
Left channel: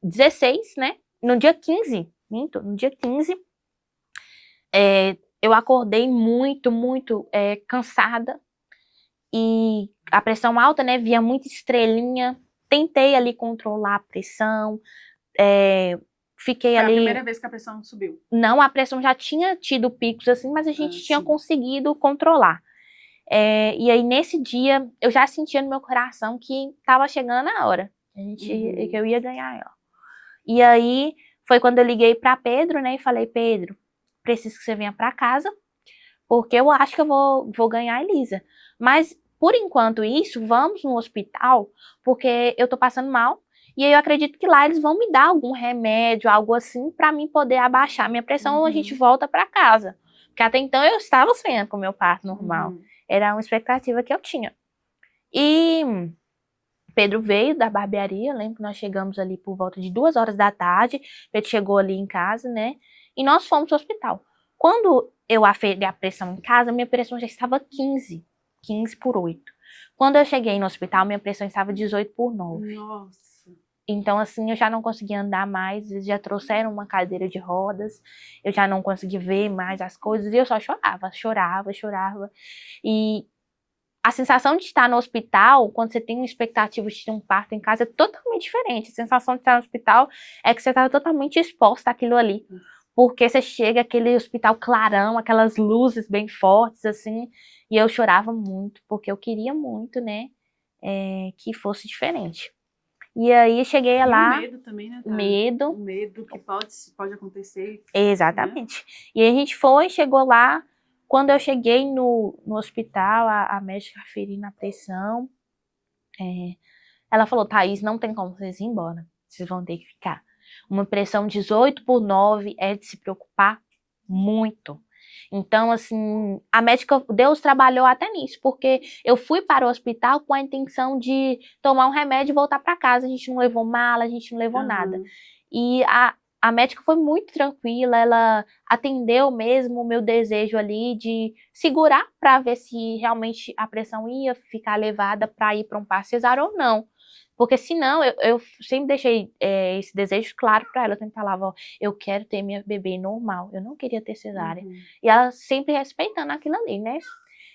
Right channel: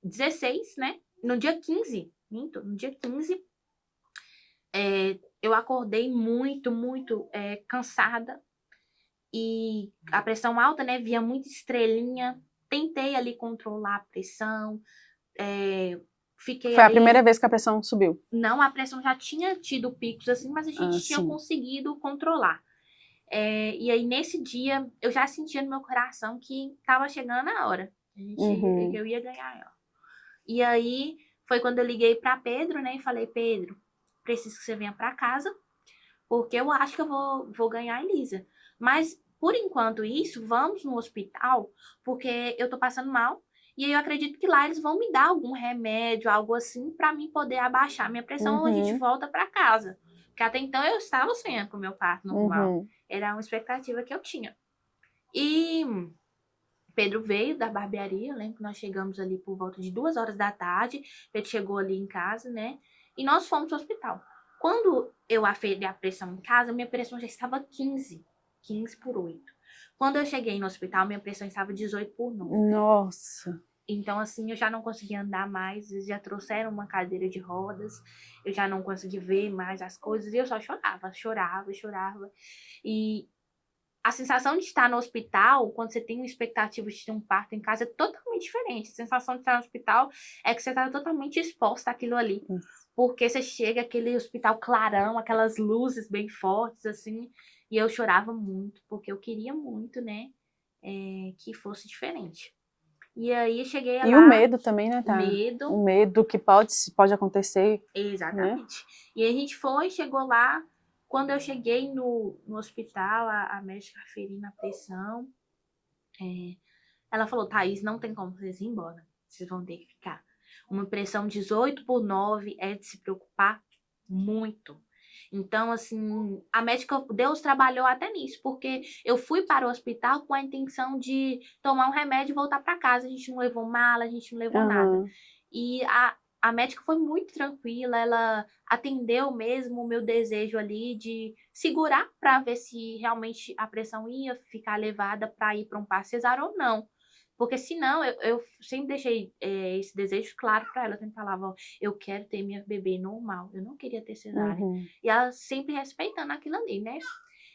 16, né? No dia 15, no dia 15, eu acordei muito, muito cansada e a pressão alta, né? Via muita estrelinha. Tentei ali controlar a pressão. Fiquei Foi ali... a primeira vez que a pressão subiu? Não, a pressão já tinha tido picos assim, mas a gente tinha conseguido controlar. E aí nesse dia eu já sentia no meu coração que estava chegando a hora. Que eu ia ganhar ela. E aí foi quando eu liguei para Pedro, né? E falei, Pedro, preciso que você venha para casa, porque eu acho que eu vou ganhar a Elisa. Mas, por enquanto isso, vamos no hospital, porque eu tô passando mal, e aí eu acredito que lá eles vão me dar algum remédio, algo assim, para mim poder abaixar minha pressão, ou a gente volta para casa. Porque até então eu estava sonhando com o meu parto normal. Era uma expectativa que eu tinha. E Pedro veio da barbearia, lembro que nós chegamos ali por volta de 2 horas da tarde, Pedro chegou ali em casa, né? E nós fomos ao hospital. Quando eu aferi a pressão em casa, minha pressão já estava 15 por 8. Quando eu cheguei no hospital, minha pressão estava 18 por 9. Nossa! Então, assim, eu já não conseguia andar mais, eles já trouxeram uma cadeira de rodas, eu já não conseguia ver mais as coisas, e eu só chorava. E a sensação de estar no hospital, quando você tem uma expectativa de ter um parto em casa, é totalmente diferente. A sensação de estar no hospital é que você está totalmente exposta àquilo ali. Porque você chega aquele hospital clarão, aquelas luzes bem fortes, assim, e eu chorava muito, porque eu queria muito, né, que fosse diferente. E aí cheguei lá... E o medo também, né, tá? Medo. O medo que pode acontecer. Exatamente. Né? E aí a gente chegou lá. Quando eu cheguei no hospital, a médica aferindo a pressão, ela falou, Thaís, não tem como vocês ir embora, vocês vão ter que ficar. Uma pressão 18 por 9 é de se preocupar muito. Então, assim, a médica, Deus trabalhou até nisso, porque eu fui para o hospital com a intenção de tomar um remédio e voltar para casa. A gente não levou mala, a gente não levou nada. E a médica foi muito tranquila, ela atendeu mesmo o meu desejo ali de segurar para ver se realmente a pressão ia ficar elevada para ir para um parto cesáreo ou não. Porque senão, eu sempre deixei esse desejo claro para ela. Eu sempre falava, ó, eu quero ter minha bebê normal, eu não queria ter cesárea. E ela sempre respeitando aquilo ali, né?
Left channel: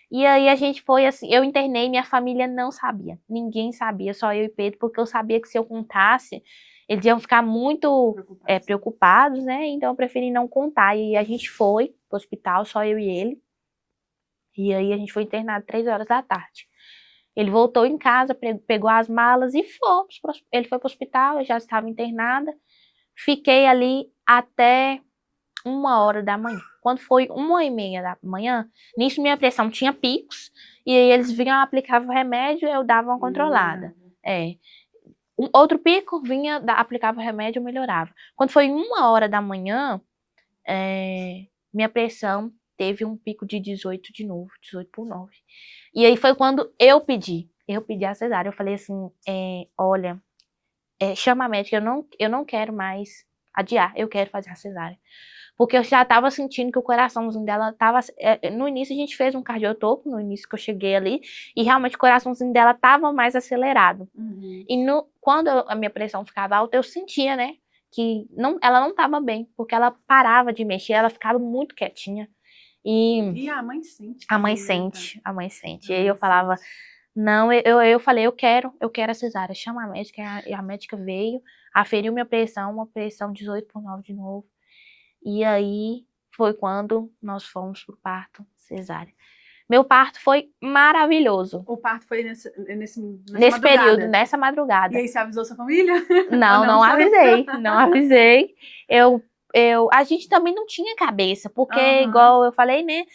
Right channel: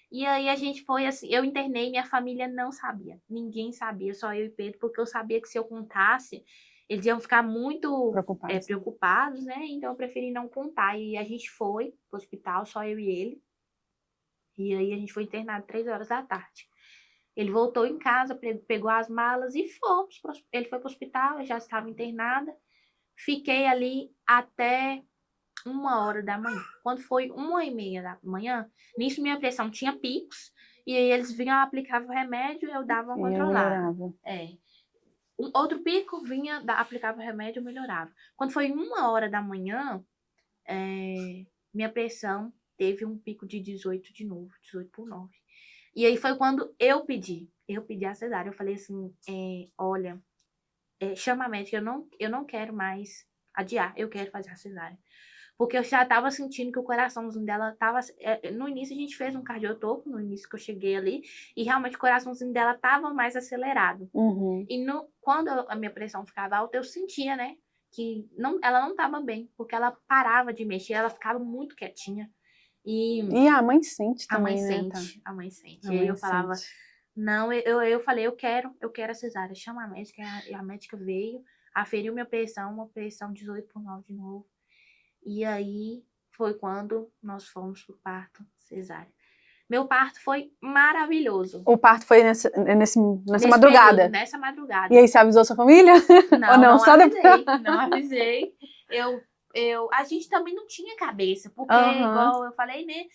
E aí a gente foi assim, eu internei, minha família não sabia, ninguém sabia, só eu e Pedro, porque eu sabia que se eu contasse, eles iam ficar muito preocupados, né? Então eu preferi não contar. E a gente foi pro hospital, só eu e ele. E aí a gente foi internado 3 horas da tarde. Ele voltou em casa, pegou as malas e fomos. Ele foi pro hospital, eu já estava internada. Fiquei ali até 1h da manhã. Quando foi 1h30 da manhã, nisso minha pressão tinha picos. E aí eles vinham, aplicavam o remédio e eu dava uma controlada. Outro pico, vinha, aplicava o remédio e melhorava. Quando foi 1h da manhã, minha pressão teve um pico de 18 de novo, 18 por 9. E aí foi quando eu pedi. eu pedi a cesárea. Eu falei assim, olha, chama a médica, eu não quero mais adiar, eu quero fazer a cesárea. Porque eu já tava sentindo que o coraçãozinho dela tava... no início a gente fez um cardiotopo, no início que eu cheguei ali, e realmente o coraçãozinho dela tava mais acelerado. Uhum. E quando a minha pressão ficava alta, eu sentia, né, que ela não tava bem, porque ela parava de mexer, ela ficava muito quietinha. E a mãe sente a mãe também, né, tá? sente, a mãe sente. A E aí eu mãe falava, sente. não, eu falei, eu quero a cesárea, chama a médica, e a médica veio, aferiu minha pressão, uma pressão 18/9 de novo. E aí foi quando nós fomos pro parto cesárea. Meu parto foi maravilhoso. O parto foi nessa Nesse madrugada. período, nessa E madrugada. aí, você avisou sua família? Ou Não, não? não Só avisei, não avisei. A gente também não tinha cabeça, porque, igual eu falei, né,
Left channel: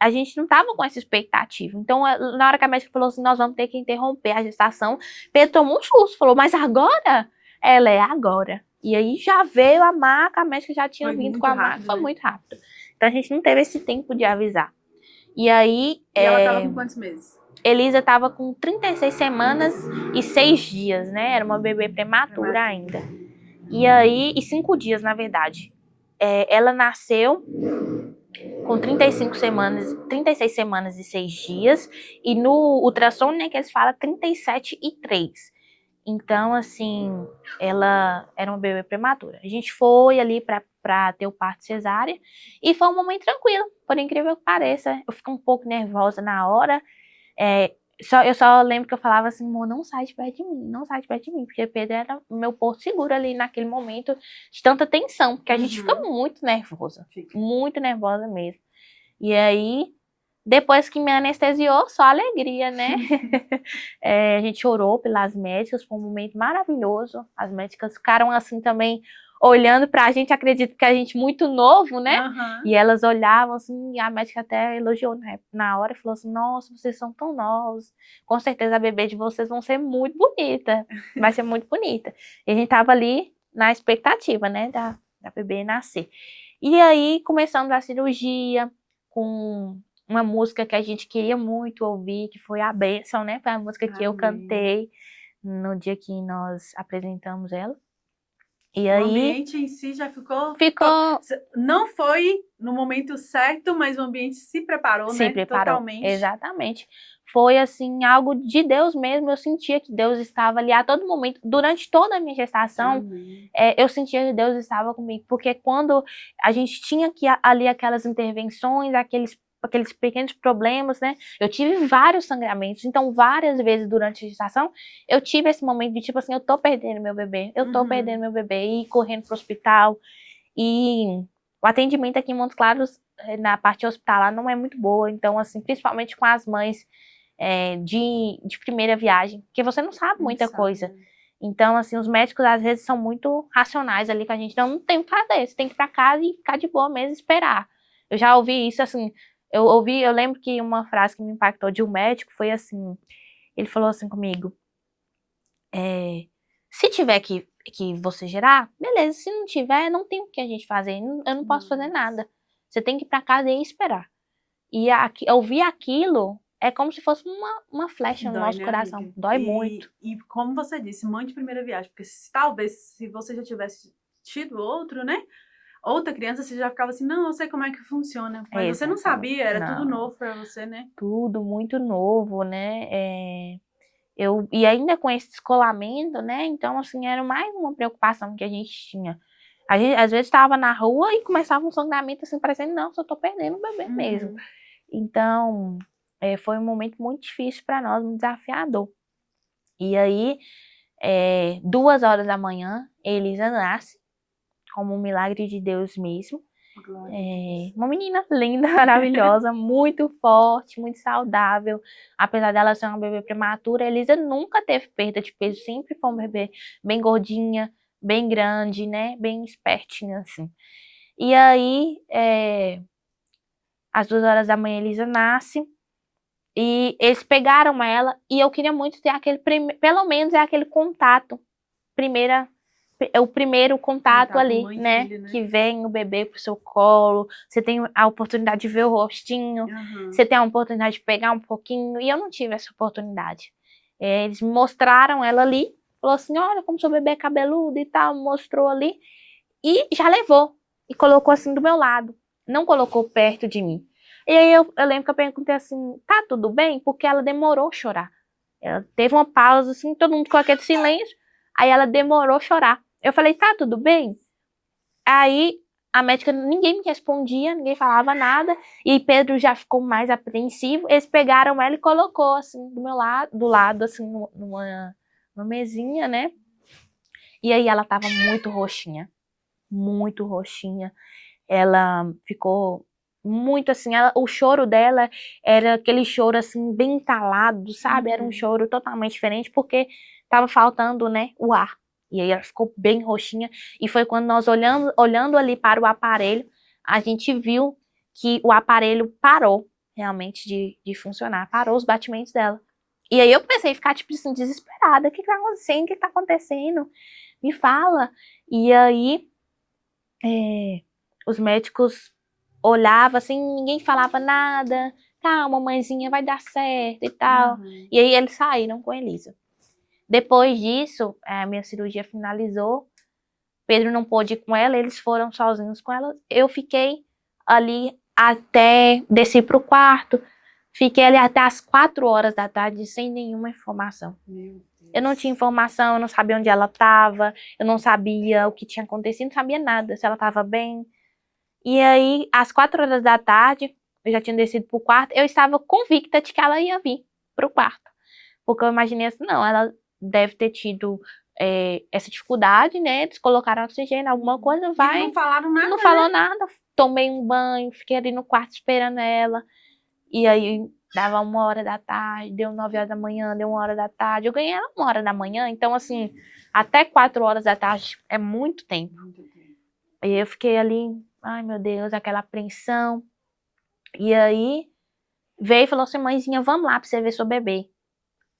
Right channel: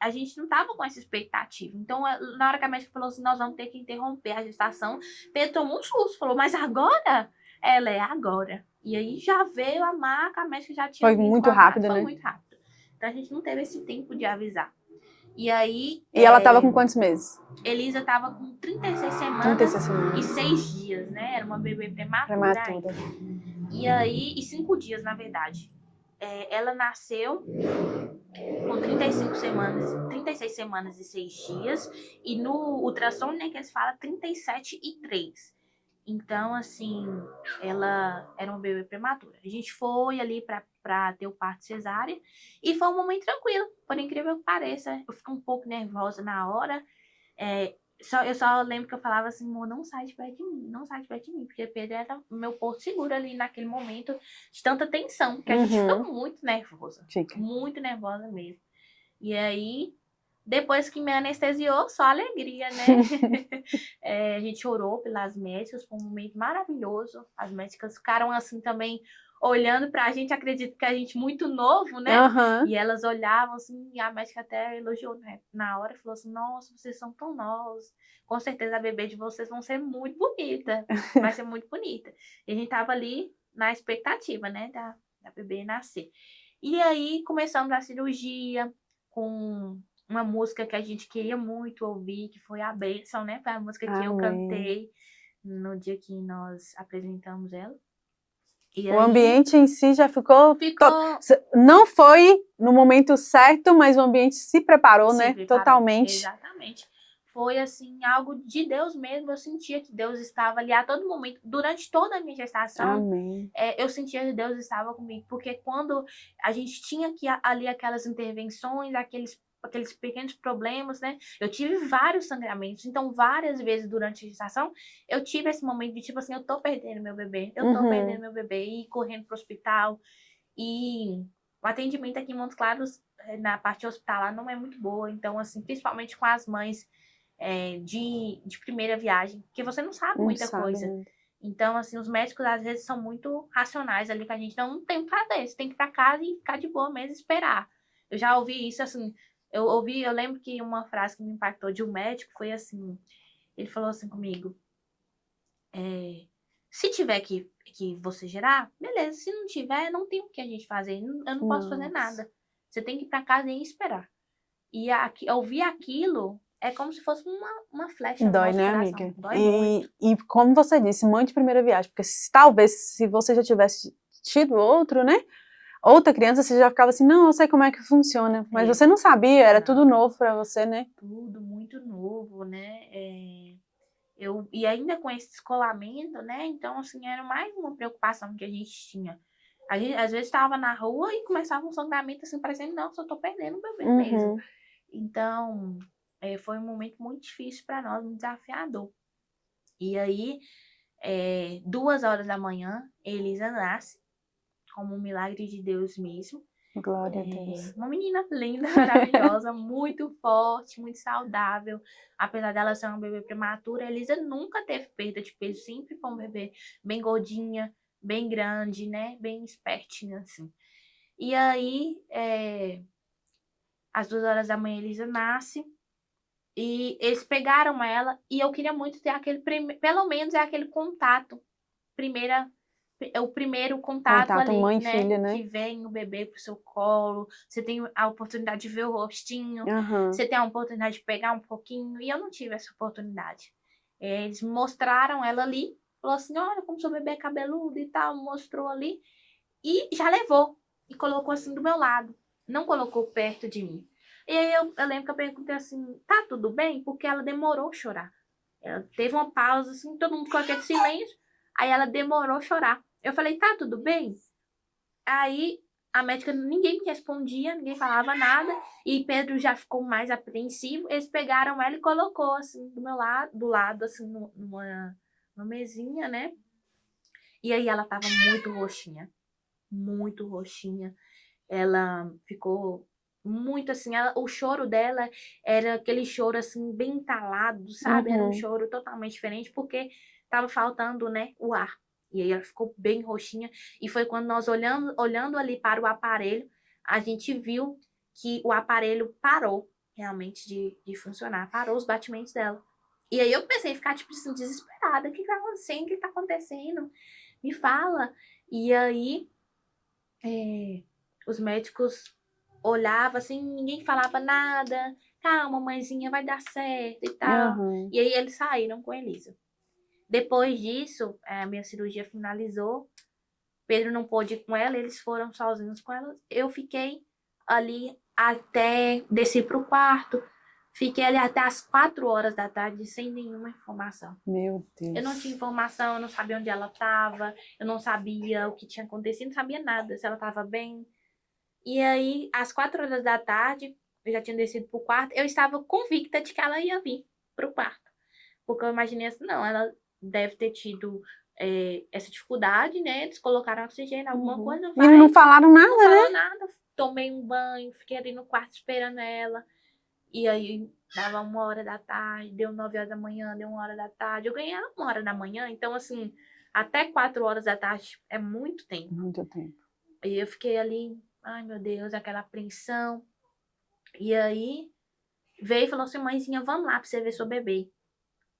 a gente não tava com essa expectativa. Então, na hora que a médica falou assim, nós vamos ter que interromper a gestação, Pedro tomou um susto, falou, mas agora? Ela é agora. E aí já veio a maca, a médica já tinha Foi vindo muito com a maca, rápido, foi né? muito rápido. Então, a gente não teve esse tempo de avisar. E aí, E ela tava com quantos meses? Elisa tava com 36 semanas 36 semanas. e 6 dias, né? Era uma bebê prematura Prematura. ainda. E aí, e 5 dias, na verdade. Ela nasceu com 36 semanas e 6 dias. E no ultrassom, né, que eles falam 37 e 3. Então, assim, ela era uma bebê prematura. A gente foi ali pra ter o parto cesárea. E foi um momento tranquilo, por incrível que pareça. Eu fiquei um pouco nervosa na hora. Eu só lembro que eu falava assim, amor, não sai de perto de mim, não sai de perto de mim, porque Pedro era o meu porto seguro ali naquele momento de tanta tensão, porque a gente fica muito nervosa, muito nervosa mesmo. E aí, depois que me anestesiou, só alegria, né? A gente orou pelas médicas, foi um momento maravilhoso, as médicas ficaram assim também, olhando pra gente, acredito que a gente muito novo, né? E elas olhavam assim, e a médica até elogiou na hora, falou assim, nossa, vocês são tão novos, com certeza a bebê de vocês vão ser muito bonita, vai ser muito bonita. E a gente tava ali na expectativa, né, da bebê nascer. E aí, começamos a cirurgia com uma música que a gente queria muito ouvir, que foi A Bênção, né, foi a música que eu cantei no dia que nós apresentamos ela. E o ambiente em si já ficou... Não foi no momento certo, mas o ambiente se preparou, né? Totalmente. Exatamente. Foi, assim, algo de Deus mesmo. Eu sentia que Deus estava ali a todo momento. Durante toda a minha gestação, eu sentia que Deus estava comigo. Porque quando a gente tinha ali aquelas intervenções, aqueles pequenos problemas, né? Eu tive vários sangramentos, então várias vezes durante a gestação eu tive esse momento de tipo assim, eu tô perdendo meu bebê, e correndo pro hospital. E o atendimento aqui em Montes Claros, na parte hospitalar, não é muito boa, então assim, principalmente com as mães de primeira viagem, porque você não sabe muita coisa. Então, assim, os médicos às vezes são muito racionais ali com a gente, então não tem o que fazer, você tem que ir pra casa e ficar de boa mesmo, esperar. Eu já ouvi isso, assim, eu lembro que uma frase que me impactou de um médico foi assim, ele falou assim comigo, se tiver que você gerar, beleza, se não tiver, não tem o que a gente fazer, eu não posso fazer nada. Você tem que ir pra casa e esperar. E ouvir aquilo é como se fosse uma flecha no nosso coração. Amiga? Dói muito. E como você disse, mãe de primeira viagem, porque talvez se você já tivesse tido outro, né? Outra criança, você já ficava assim, não, eu sei como é que funciona. Mas você não sabia, era tudo novo pra você, né? Tudo muito novo, né? E ainda com esse descolamento, né? Então, assim, era mais uma preocupação que a gente tinha. A gente, às vezes, estava na rua e começava um sangramento, assim, parecendo, não, só tô perdendo o bebê mesmo. Então, foi um momento muito difícil para nós, muito desafiador. E aí, 2h da manhã, Elisa nasce, como um milagre de Deus mesmo. Glória a Deus. Uma menina linda, maravilhosa, muito forte, muito saudável. Apesar dela ser uma bebê prematura, a Elisa nunca teve perda de peso, sempre foi uma bebê bem gordinha, bem grande, né? Bem espertinha, assim. E aí, às 2h da manhã, a Elisa nasce. E eles pegaram ela e eu queria muito ter pelo menos aquele contato, o primeiro contato ali, mãe, né? Filha, né? Que vem o bebê pro seu colo, você tem a oportunidade de ver o rostinho, você tem a oportunidade de pegar um pouquinho, e eu não tive essa oportunidade. Eles me mostraram ela ali, falou assim, olha como seu bebê é cabeludo e tal, mostrou ali, e já levou, e colocou assim do meu lado, não colocou perto de mim. E aí eu lembro que eu perguntei assim, tá tudo bem? Porque ela demorou a chorar. Ela teve uma pausa, assim, todo mundo com aquele silêncio, aí ela demorou a chorar. Eu falei, tá tudo bem? Aí a médica, ninguém me respondia, ninguém falava nada, e Pedro já ficou mais apreensivo. Eles pegaram ela e colocou assim do meu lado, do lado assim numa mesinha, né? E aí ela tava muito roxinha, muito roxinha. Ela ficou muito assim, o choro dela era aquele choro assim bem entalado, sabe? Era um choro totalmente diferente porque tava faltando, né, o ar. E aí ela ficou bem roxinha e foi quando nós olhando ali para o aparelho, a gente viu que o aparelho parou realmente de funcionar, parou os batimentos dela. E aí eu comecei a ficar tipo assim desesperada, o que tá acontecendo? O que tá acontecendo? Me fala. E aí os médicos olhavam assim, ninguém falava nada. Calma, mãezinha, vai dar certo e tal. E aí eles saíram com a Elisa. Depois disso, a minha cirurgia finalizou. Pedro não pôde ir com ela, eles foram sozinhos com ela. Eu fiquei ali até descer para o quarto. Fiquei ali até as 4 horas da tarde sem nenhuma informação. Meu Deus. Eu não tinha informação, eu não sabia onde ela estava, eu não sabia o que tinha acontecido, não sabia nada, se ela estava bem. E aí, às 4 horas da tarde, eu já tinha descido pro quarto, eu estava convicta de que ela ia vir pro quarto. Porque eu imaginei assim, não, ela deve ter tido essa dificuldade, né? Eles colocaram oxigênio, alguma coisa, vai. E não falaram nada, Não falou nada. Tomei um banho, fiquei ali no quarto esperando ela. E aí, dava 1 hora da tarde, deu 9 horas da manhã, deu 1 hora da tarde. Eu ganhei ela 1 hora da manhã, então assim, até 4 horas da tarde é muito tempo. Muito tempo. E eu fiquei ali, ai meu Deus, aquela apreensão. E aí veio e falou assim, mãezinha, vamos lá pra você ver seu bebê.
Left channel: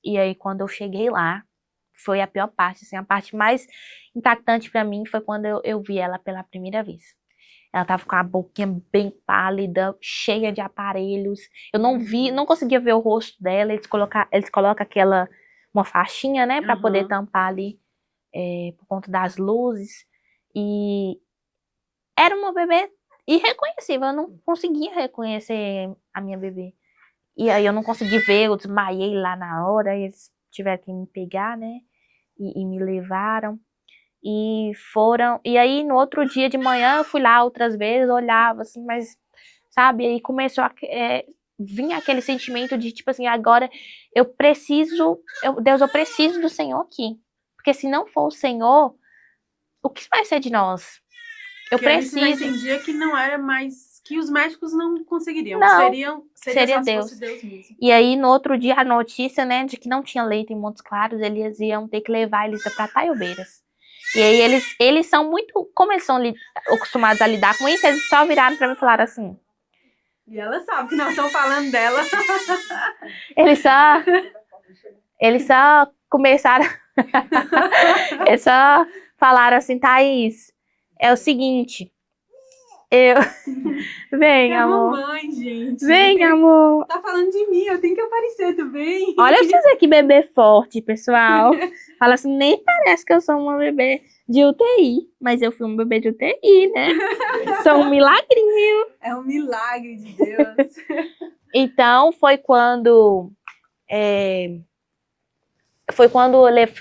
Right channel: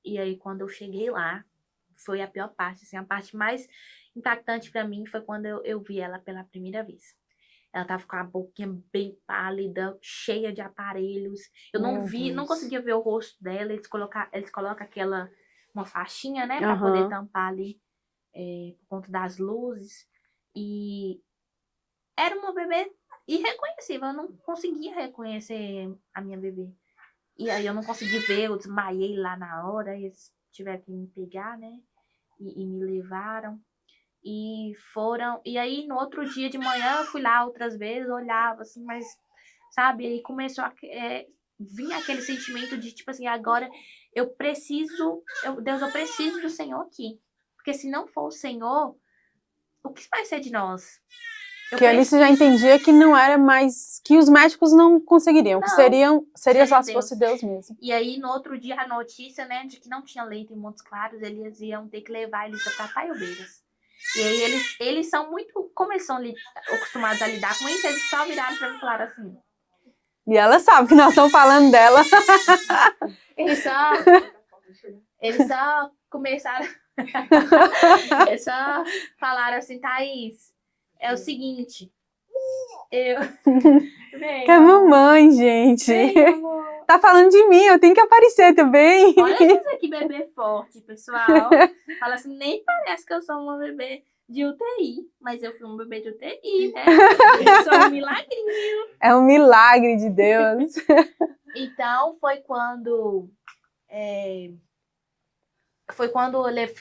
E aí quando eu cheguei lá, foi a pior parte, assim, a parte mais impactante pra mim foi quando eu vi ela pela primeira vez. Ela tava com a boquinha bem pálida, cheia de aparelhos. Eu não vi, não conseguia ver o rosto dela. Eles colocam uma faixinha, né, pra poder tampar ali por conta das luzes. E era uma bebê irreconhecível, eu não conseguia reconhecer a minha bebê. E aí eu não consegui ver, eu desmaiei lá na hora, eles tiveram que me pegar, né? E me levaram. E aí no outro dia de manhã eu fui lá outras vezes, olhava assim, mas, sabe, aí começou a vir aquele sentimento de tipo assim, agora Deus, eu preciso do Senhor aqui. Porque se não for o Senhor, o que vai ser de nós? Que ali você já entendia que não era mais, que os médicos não conseguiriam, que seria só se fosse Deus mesmo. E aí, no outro dia, a notícia, né, de que não tinha leito em Montes Claros, eles iam ter que levar a Elisa para Taiobeiras. E aí, eles são muito, como eles são acostumados a lidar com isso, eles só viraram para mim e falaram assim. E ela sabe que nós estamos falando dela. Eles só começaram, eles só falaram assim, Thaís, é o seguinte, Vem, é amor. mamãe, gente. Vem, amor. Tá falando de mim, eu tenho que aparecer também. Olha vocês que bebê forte, pessoal. Fala assim, nem parece que eu sou uma bebê de UTI, mas eu fui um bebê de UTI, né? Sou um milagrinho. É um milagre de Deus. Então, foi quando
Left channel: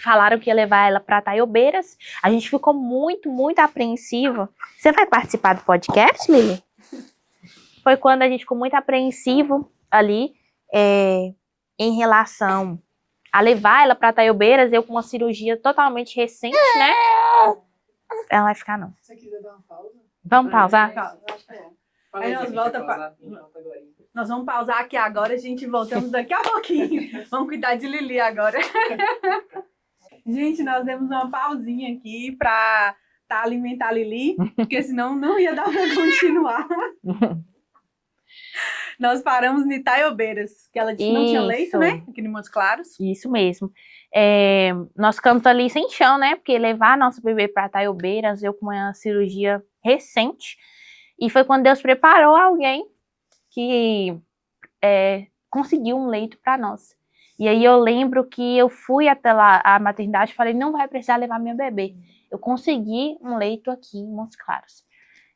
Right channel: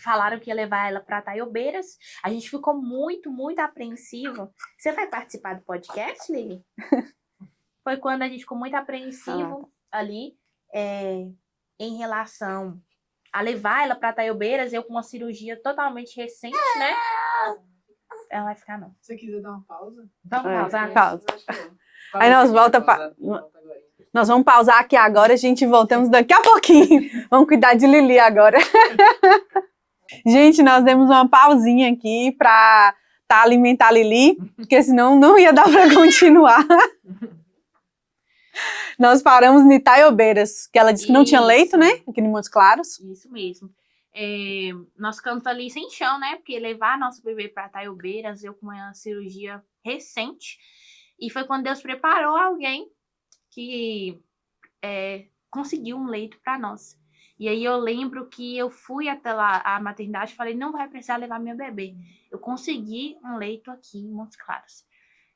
falaram que ia levar ela para Taiobeiras. A gente ficou muito, muito apreensiva. Você vai participar do podcast, Lili? Foi quando a gente ficou muito apreensivo ali em relação a levar ela para Taiobeiras, eu com uma cirurgia totalmente recente, né? Ela vai ficar, não. Se você quiser dar uma pausa. Vamos pausar? Pausa. Aí nós vamos pausar aqui agora, a gente voltamos daqui a pouquinho. Vamos cuidar de Lili agora. Gente, nós demos uma pausinha aqui para alimentar a Lili, porque senão não ia dar para continuar. Nós paramos em Taiobeiras, que ela disse que não tinha leito, né? Aqui em Montes Claros. Isso mesmo. Nós ficamos ali sem chão, né? Porque levar nosso bebê para Taiobeiras, eu com uma cirurgia recente, e foi quando Deus preparou alguém que conseguiu um leito para nós. E aí eu lembro que eu fui até lá, a maternidade, e falei, não vai precisar levar minha bebê. Eu consegui um leito aqui em Montes Claros.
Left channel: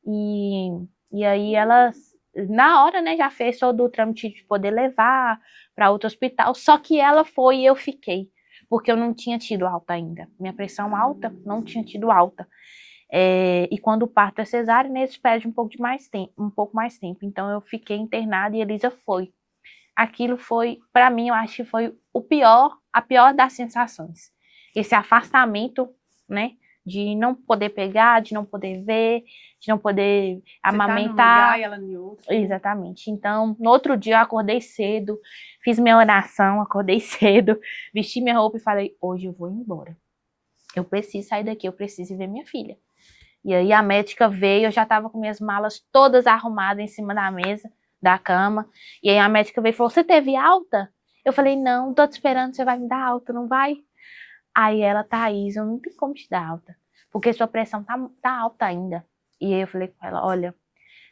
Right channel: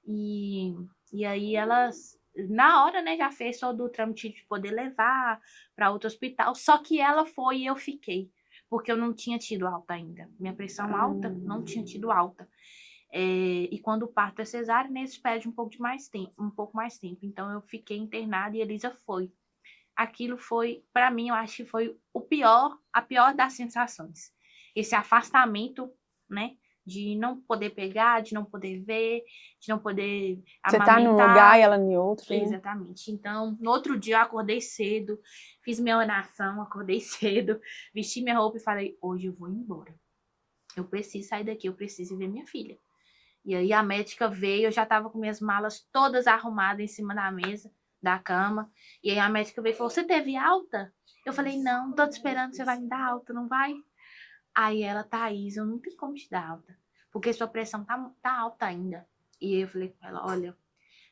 E aí elas, na hora, né, já fez todo o trâmite de poder levar para outro hospital, só que ela foi e eu fiquei, porque eu não tinha tido alta ainda. Minha pressão alta, não tinha tido alta. E quando o parto é cesárea, né, eles pedem um pouco mais tempo. Então eu fiquei internada e a Elisa foi. Aquilo foi, para mim, eu acho que foi a pior das sensações. Esse afastamento, né, de não poder pegar, de não poder ver, de não poder Você tá num amamentar. lugar e ela em outro. Exatamente. Então, no outro dia eu acordei cedo, fiz minha oração, acordei cedo, vesti minha roupa e falei, hoje eu vou embora. Eu preciso sair daqui, eu preciso ver minha filha. E aí a médica veio, eu já estava com minhas malas todas arrumadas em cima da mesa, da cama. E aí a médica veio e falou, você teve alta? Eu falei, não, tô te esperando, você vai me dar alta, não vai? Aí ela, Thaís, eu não tenho como te dar alta, porque sua pressão tá alta ainda. E aí eu falei com ela, olha,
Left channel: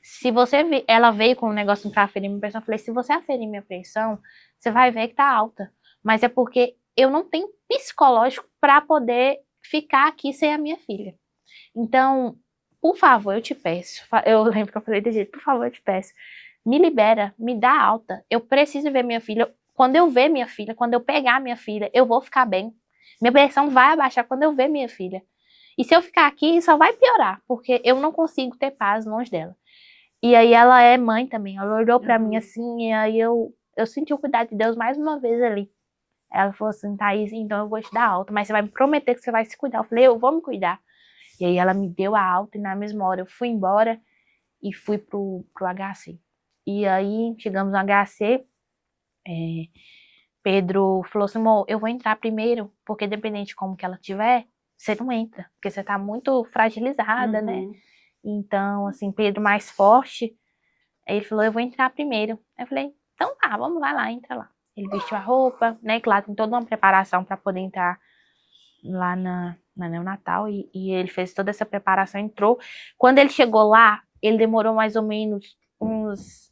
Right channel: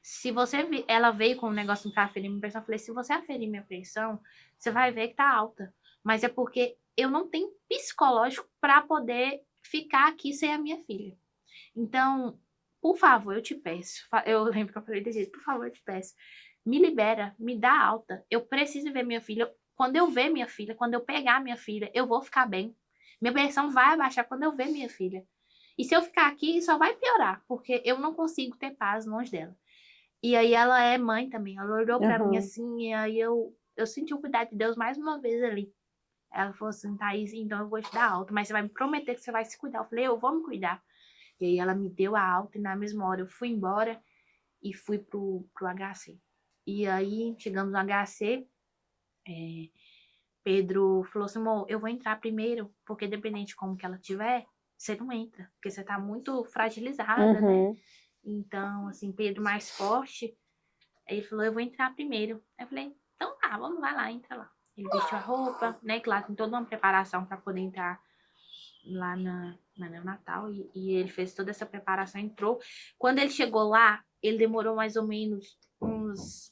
se você... Ela veio com um negócio pra aferir minha pressão, eu falei, se você aferir minha pressão, você vai ver que tá alta. Mas é porque eu não tenho psicológico para poder ficar aqui sem a minha filha. Então, por favor, eu te peço. Eu lembro que eu falei desse jeito, por favor, eu te peço. Me libera, me dá alta. Eu preciso ver minha filha. Quando eu ver minha filha, quando eu pegar minha filha, eu vou ficar bem. Minha pressão vai abaixar quando eu ver minha filha. E se eu ficar aqui, só vai piorar, porque eu não consigo ter paz longe dela. E aí ela é mãe também. Ela olhou pra mim assim, e aí eu senti o cuidado de Deus mais uma vez ali. Ela falou assim, Thaís, então eu vou te dar alta, mas você vai me prometer que você vai se cuidar. Eu falei, eu vou me cuidar. E aí ela me deu a alta e na mesma hora eu fui embora e fui pro HC. E aí chegamos no HC, Pedro falou assim, amor, eu vou entrar primeiro, porque dependente de como que ela tiver, você não entra, porque você tá muito fragilizada, né? Então, assim, Pedro mais forte, aí ele falou, eu vou entrar primeiro. Aí eu falei, então tá, vamos lá, entra lá. Ele vestiu a roupa, né, que lá tem toda uma preparação para poder entrar lá na neonatal, e ele fez toda essa preparação, entrou. Quando ele chegou lá, ele demorou mais ou menos uns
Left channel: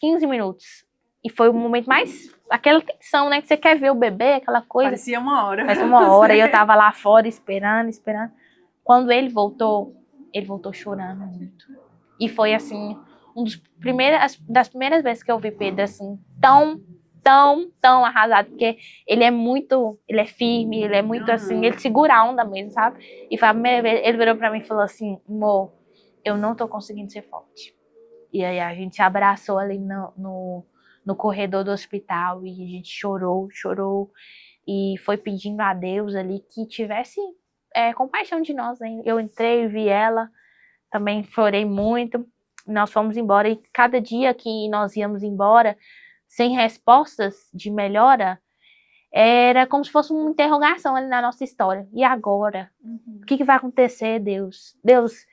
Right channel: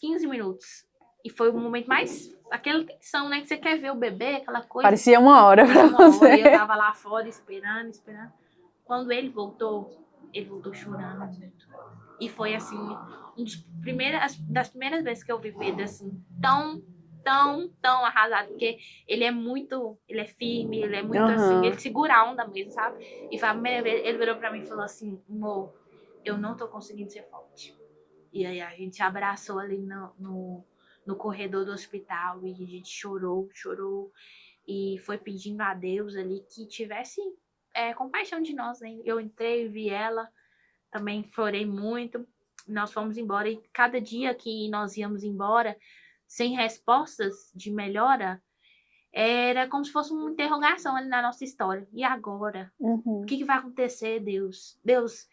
15 minutos. E foi o momento mais... Aquela tensão, né? Que você quer ver o bebê, aquela coisa. Parecia uma hora. Parecia uma hora, e eu tava lá fora esperando. Quando ele voltou chorando muito. E foi, assim, das primeiras vezes que eu vi Pedro, assim, tão arrasado, porque ele é firme, ele é muito assim, ele segura a onda mesmo, sabe? E foi a primeira vez, ele virou pra mim e falou assim, amor, eu não tô conseguindo ser forte. E aí a gente abraçou ali no corredor do hospital e a gente chorou e foi pedindo a Deus ali que tivesse compaixão de nós, né? Eu entrei e vi ela, também chorei muito, nós fomos embora e cada dia que nós íamos embora, sem respostas de melhora, era como se fosse uma interrogação ali na nossa história. E agora? O que vai acontecer, Deus? Deus,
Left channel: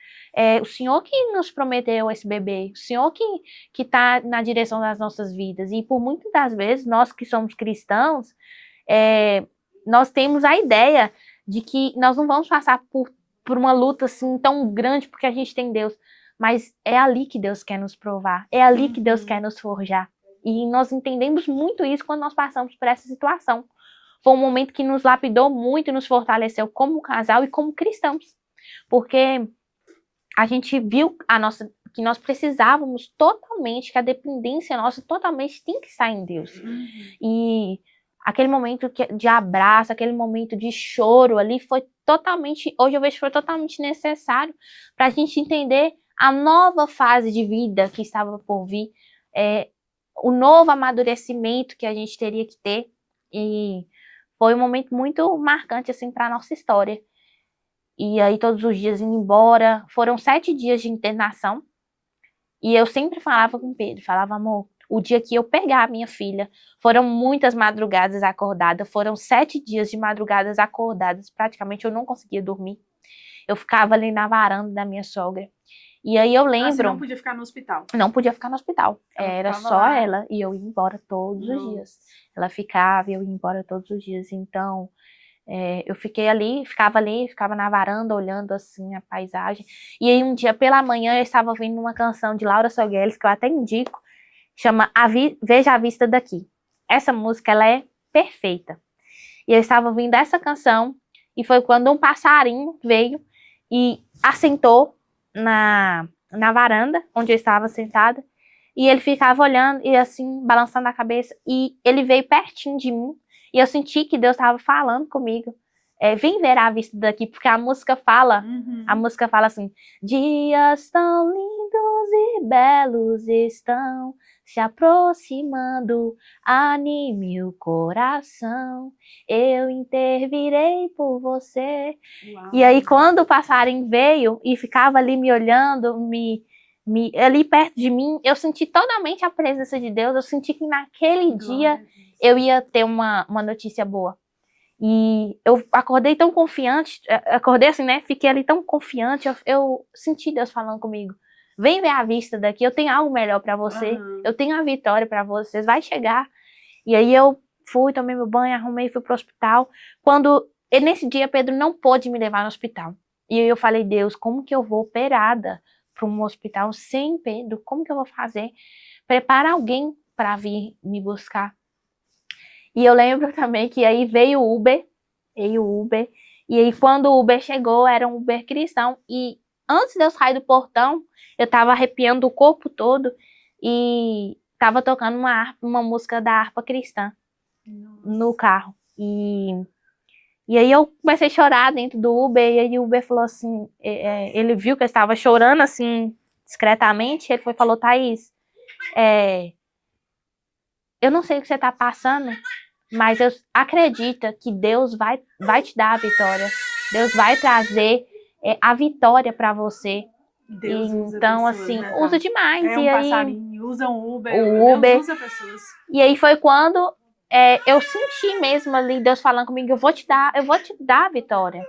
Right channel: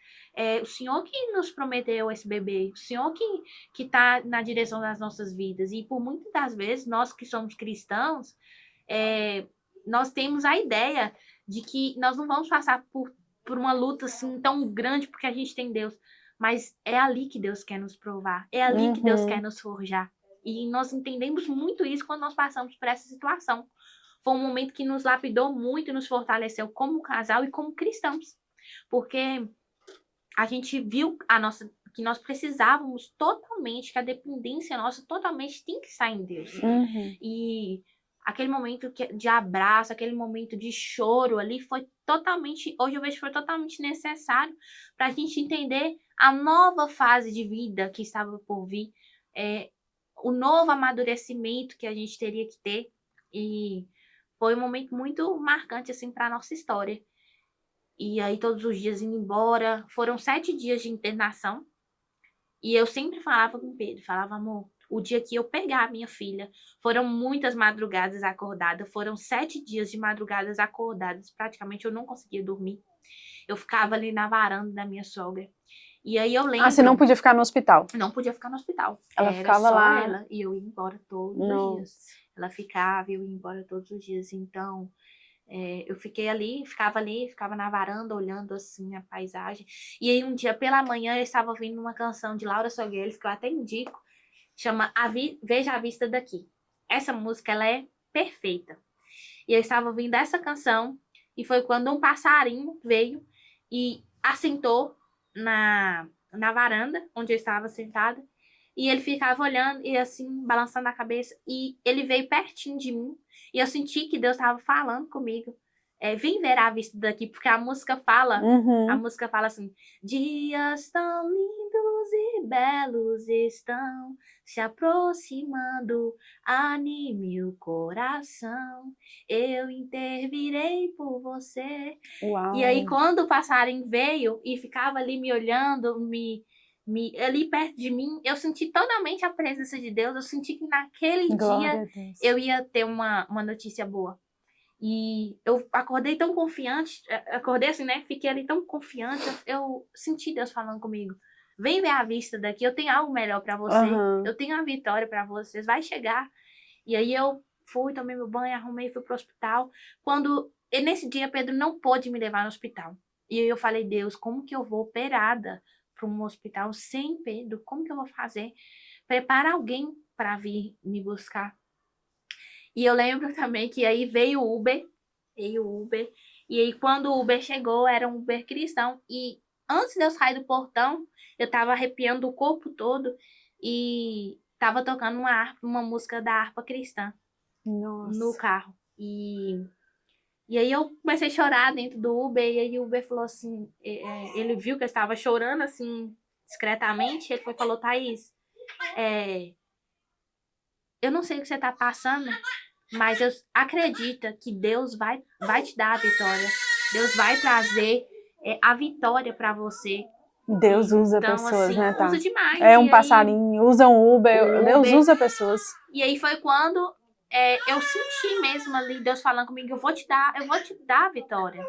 o Senhor que nos prometeu esse bebê, o Senhor que está na direção das nossas vidas. E por muitas das vezes, nós que somos cristãos, nós temos a ideia de que nós não vamos passar por uma luta assim tão grande porque a gente tem Deus. Mas é ali que Deus quer nos provar, é ali que Deus quer nos forjar. E nós entendemos muito isso quando nós passamos por essa situação. Foi um momento que nos lapidou muito e nos fortaleceu como casal e como cristãos. Porque a gente viu que nós precisávamos totalmente, que a dependência nossa totalmente tem que estar em Deus. E aquele momento de abraço, aquele momento de choro ali foi totalmente, hoje eu vejo que foi totalmente necessário para a gente entender a nova fase de vida que estava por vir, o novo amadurecimento que a gente teria que ter, e foi um momento muito marcante assim para a nossa história. E aí todos os dias indo embora, foram 7 dias de internação, e eu sempre falava com o Pedro, falava, amor, o dia que eu pegar a minha filha, foram muitas madrugadas acordadas, foram 7 dias de madrugadas acordadas, praticamente eu não conseguia dormir, eu ficava ali na varanda da minha sogra. E aí eu lembro... você não podia ficar no hospital? Não podia ficar no hospital. Era só lá. Ela, e eu ia embora todos os dias. Ela ficava e eu ia embora todos os dias. Então, eu ficava na varanda, olhando assim a paisagem. E aí um dia pela manhã eu estava ouvindo uma canção de Laura Sogueles, que eu até indico, chama Veja a Vista Daqui. Essa música, ela é perfeita. E eu estava ouvindo essa canção, e foi quando um passarinho veio e assentou na varanda, onde eu estava sentada, e ele ficava olhando e assim, balançando a cabeça, e ele veio pertinho de mim, e eu senti que Deus estava falando comigo. Vem ver a vista daqui, porque a música fala assim, dias tão lindos e belos estão se aproximando, anime o coração, eu intervirei por você. Uau. E aí, quando o passarinho veio e ficava ali me olhando, ali perto de mim, eu senti totalmente a presença de Deus, eu senti que naquele dia eu ia ter uma notícia boa. E eu acordei tão confiante, acordei assim, né? Fiquei ali tão confiante, eu senti Deus falando comigo. Vem ver a vista daqui, eu tenho algo melhor pra você, eu tenho a vitória pra vocês, vai chegar. E aí eu fui, tomei meu banho, arrumei, fui pro hospital. E nesse dia, Pedro não pôde me levar no hospital. E aí eu falei, Deus, como que eu vou operada para um hospital sem Pedro? Como que eu vou fazer? Prepara alguém para vir me buscar. E eu lembro também que aí veio o Uber, e aí quando o Uber chegou, era um Uber cristão, e antes de eu sair do portão, eu tava arrepiando o corpo todo, e tava tocando uma música da harpa cristã. Nossa. No carro. E aí eu comecei a chorar dentro do Uber, e aí o Uber falou assim, ele viu que eu estava chorando assim, discretamente, ele falou, Thaís, eu não sei o que você está passando, mas eu acredito que Deus vai te dar a vitória. Deus vai trazer a vitória para você. Deus usa então, pessoas, assim, né, tá? usa demais. É um passarinho, usa um Uber, Deus usa pessoas. E aí foi quando eu senti mesmo ali Deus falando comigo, eu vou te dar a vitória.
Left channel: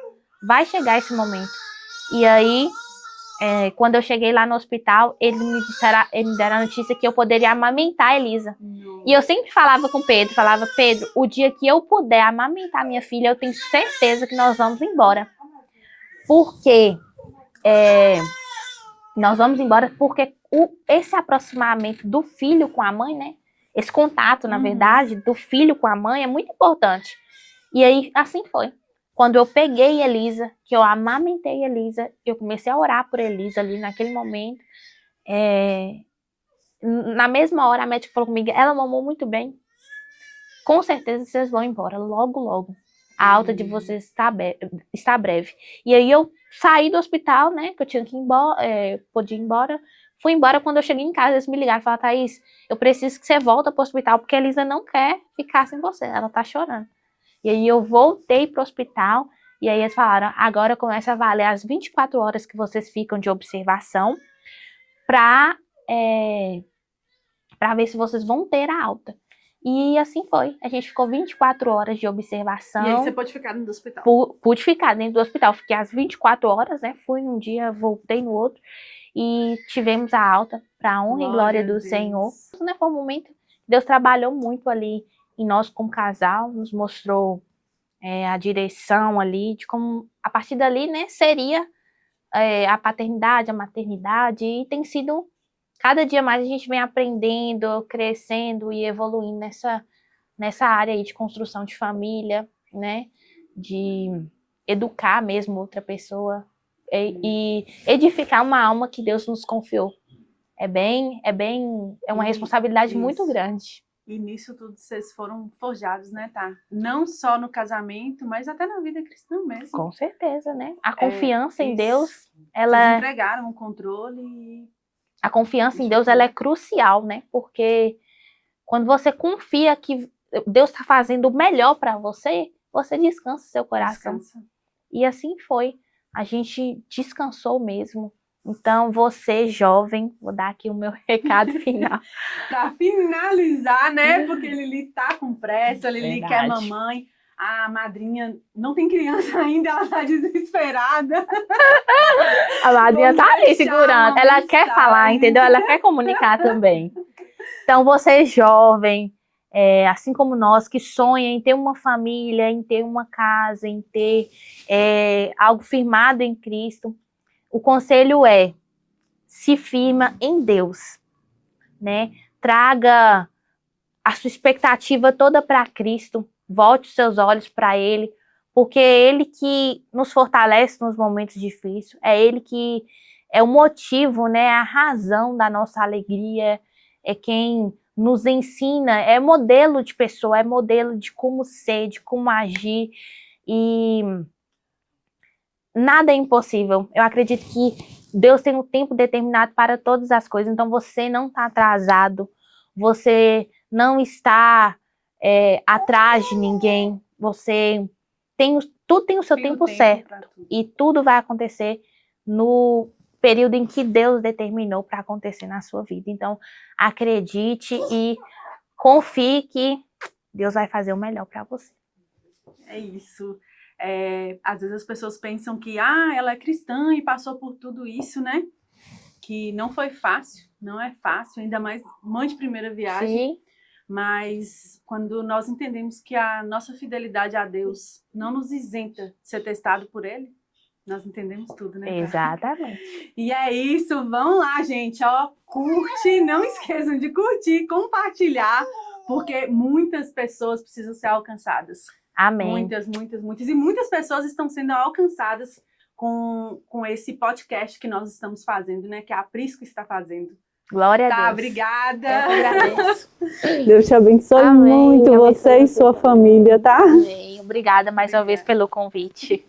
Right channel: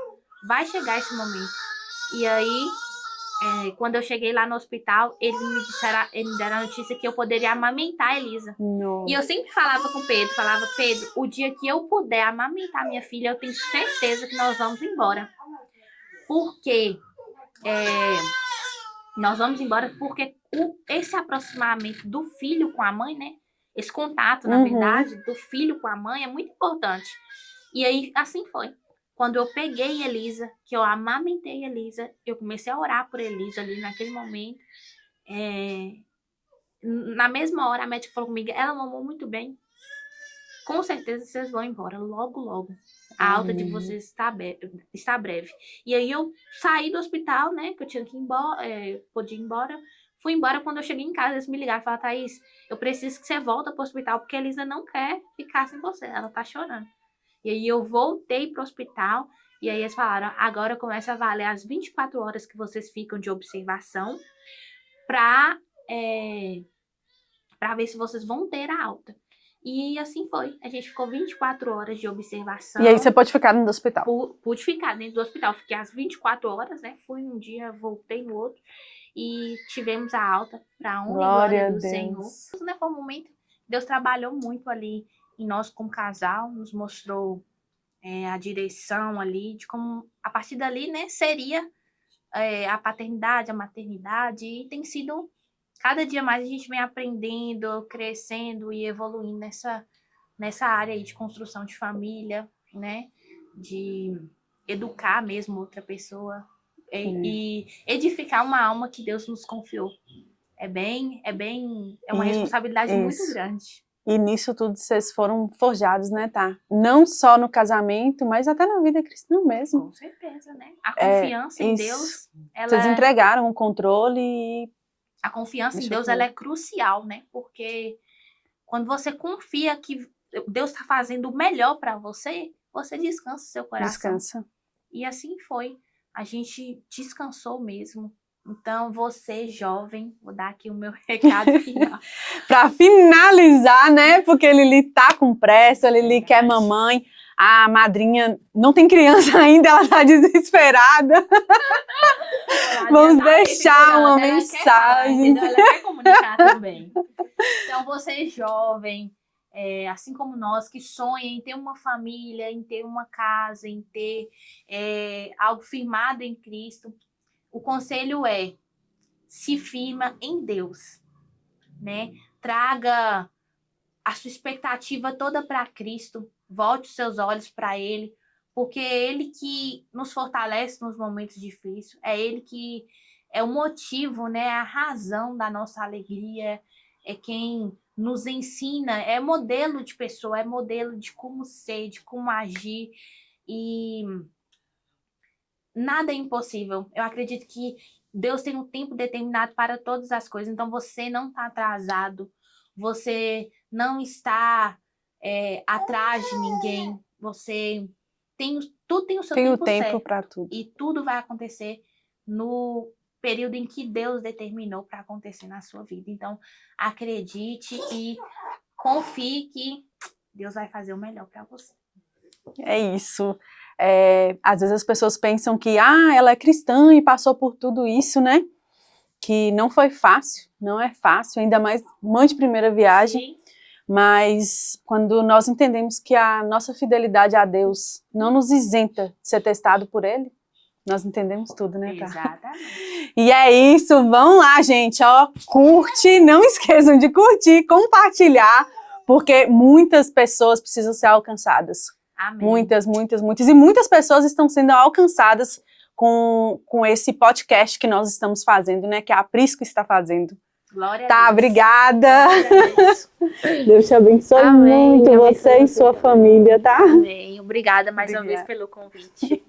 Vai chegar esse momento. E aí, quando eu cheguei lá no hospital, eles me deram a notícia que eu poderia amamentar a Elisa. Nossa. E eu sempre falava com o Pedro, Pedro, o dia que eu puder amamentar minha filha, eu tenho certeza que nós vamos embora. Porque nós vamos embora porque esse aproximamento do filho com a mãe, né? Esse contato, na verdade, do filho com a mãe é muito importante. E aí, assim foi. Quando eu peguei Elisa, que eu amamentei Elisa, eu comecei a orar por Elisa ali naquele momento. Na mesma hora, a médica falou comigo, ela mamou muito bem. Com certeza vocês vão embora, logo, logo. A alta de vocês está breve. E aí eu saí do hospital, né, que eu tinha que ir embora, podia ir embora. Fui embora, quando eu cheguei em casa, eles me ligaram e falaram, Thaís, eu preciso que você volte para o hospital, porque a Elisa não quer ficar sem você, ela tá chorando. E aí eu voltei para o hospital, e aí eles falaram, agora começa a valer as 24 horas que vocês ficam de observação para ver se vocês vão ter a alta. E assim foi. A gente ficou 24 horas de observação. E aí você pode ficar dentro do hospital? Pude ficar dentro do hospital. Fiquei às 24 horas, né? Fui num dia, voltei no outro. E tivemos a alta para a honra e glória do Senhor. Né, foi um momento que Deus trabalhou muito ali em nós como casal. Nos mostrou a direção ali, de como a partir dali, né, seria a paternidade, a maternidade. E tem sido... Cada dia mais a gente vem aprendendo, crescendo e evoluindo nessa área aí de construção de família, né? De educar mesmo outra pessoa e edificar uma alma que Deus nos confiou. É uma responsabilidade muito grande. E nisso tudo vocês foram forjados, né, tá? Não só no casamento, mas até na vida cristã mesmo. Com certeza, né? A confiança em Deus, vocês entregaram o controle e... A confiança em Deus, ela é crucial, né? Porque quando você confia que Deus está fazendo o melhor para você, você descansa seu coração. Descansa. E assim foi. A gente descansou mesmo. Então, você, jovem, vou dar aqui o meu recado final. Para finalizar, né? Porque Lili tá com pressa, Lili quer mamãe. A madrinha não tem criança ainda, ela tá desesperada. A madrinha tá aí segurando, ela quer falar, entendeu? Ela quer comunicar também. Então, você jovem, assim como nós, que sonha em ter uma família, em ter uma casa, em ter algo firmado em Cristo, o conselho se firma em Deus, né? Traga a sua expectativa toda para Cristo. volte os seus olhos para Ele, porque é Ele que nos fortalece nos momentos difíceis, é Ele que é o motivo, né, a razão da nossa alegria, é quem nos ensina, é modelo de pessoa, é modelo de como ser, de como agir, e nada é impossível. Eu acredito que Deus tem um tempo determinado para todas as coisas, então você não está atrasado, você não está atrás de ninguém, você tem, tudo tem o seu tempo certo, para tudo. e tudo vai acontecer no período em que Deus determinou para acontecer na sua vida. Então, acredite e confie que Deus vai fazer o melhor para você. É isso. Às vezes as pessoas pensam que ela é cristã e passou por tudo isso, né? Que não foi fácil, não é fácil, ainda mais mãe de primeira viagem. Sim. Mas quando nós entendemos que a nossa fidelidade a Deus não nos isenta de ser testado por Ele, nós entendemos tudo, né? Exatamente. E é isso, vão lá, gente, ó, curte, não esqueçam de curtir, compartilhar, porque muitas pessoas precisam ser alcançadas. Amém. Muitas, e muitas pessoas estão sendo alcançadas com esse podcast que nós estamos fazendo, né, que a Prisco está fazendo. Glória a Deus. Tá, obrigada. Eu agradeço. Deus te abençoe Amém. muito, você e sua família, tá? Amém. Obrigada mais uma vez pelo convite.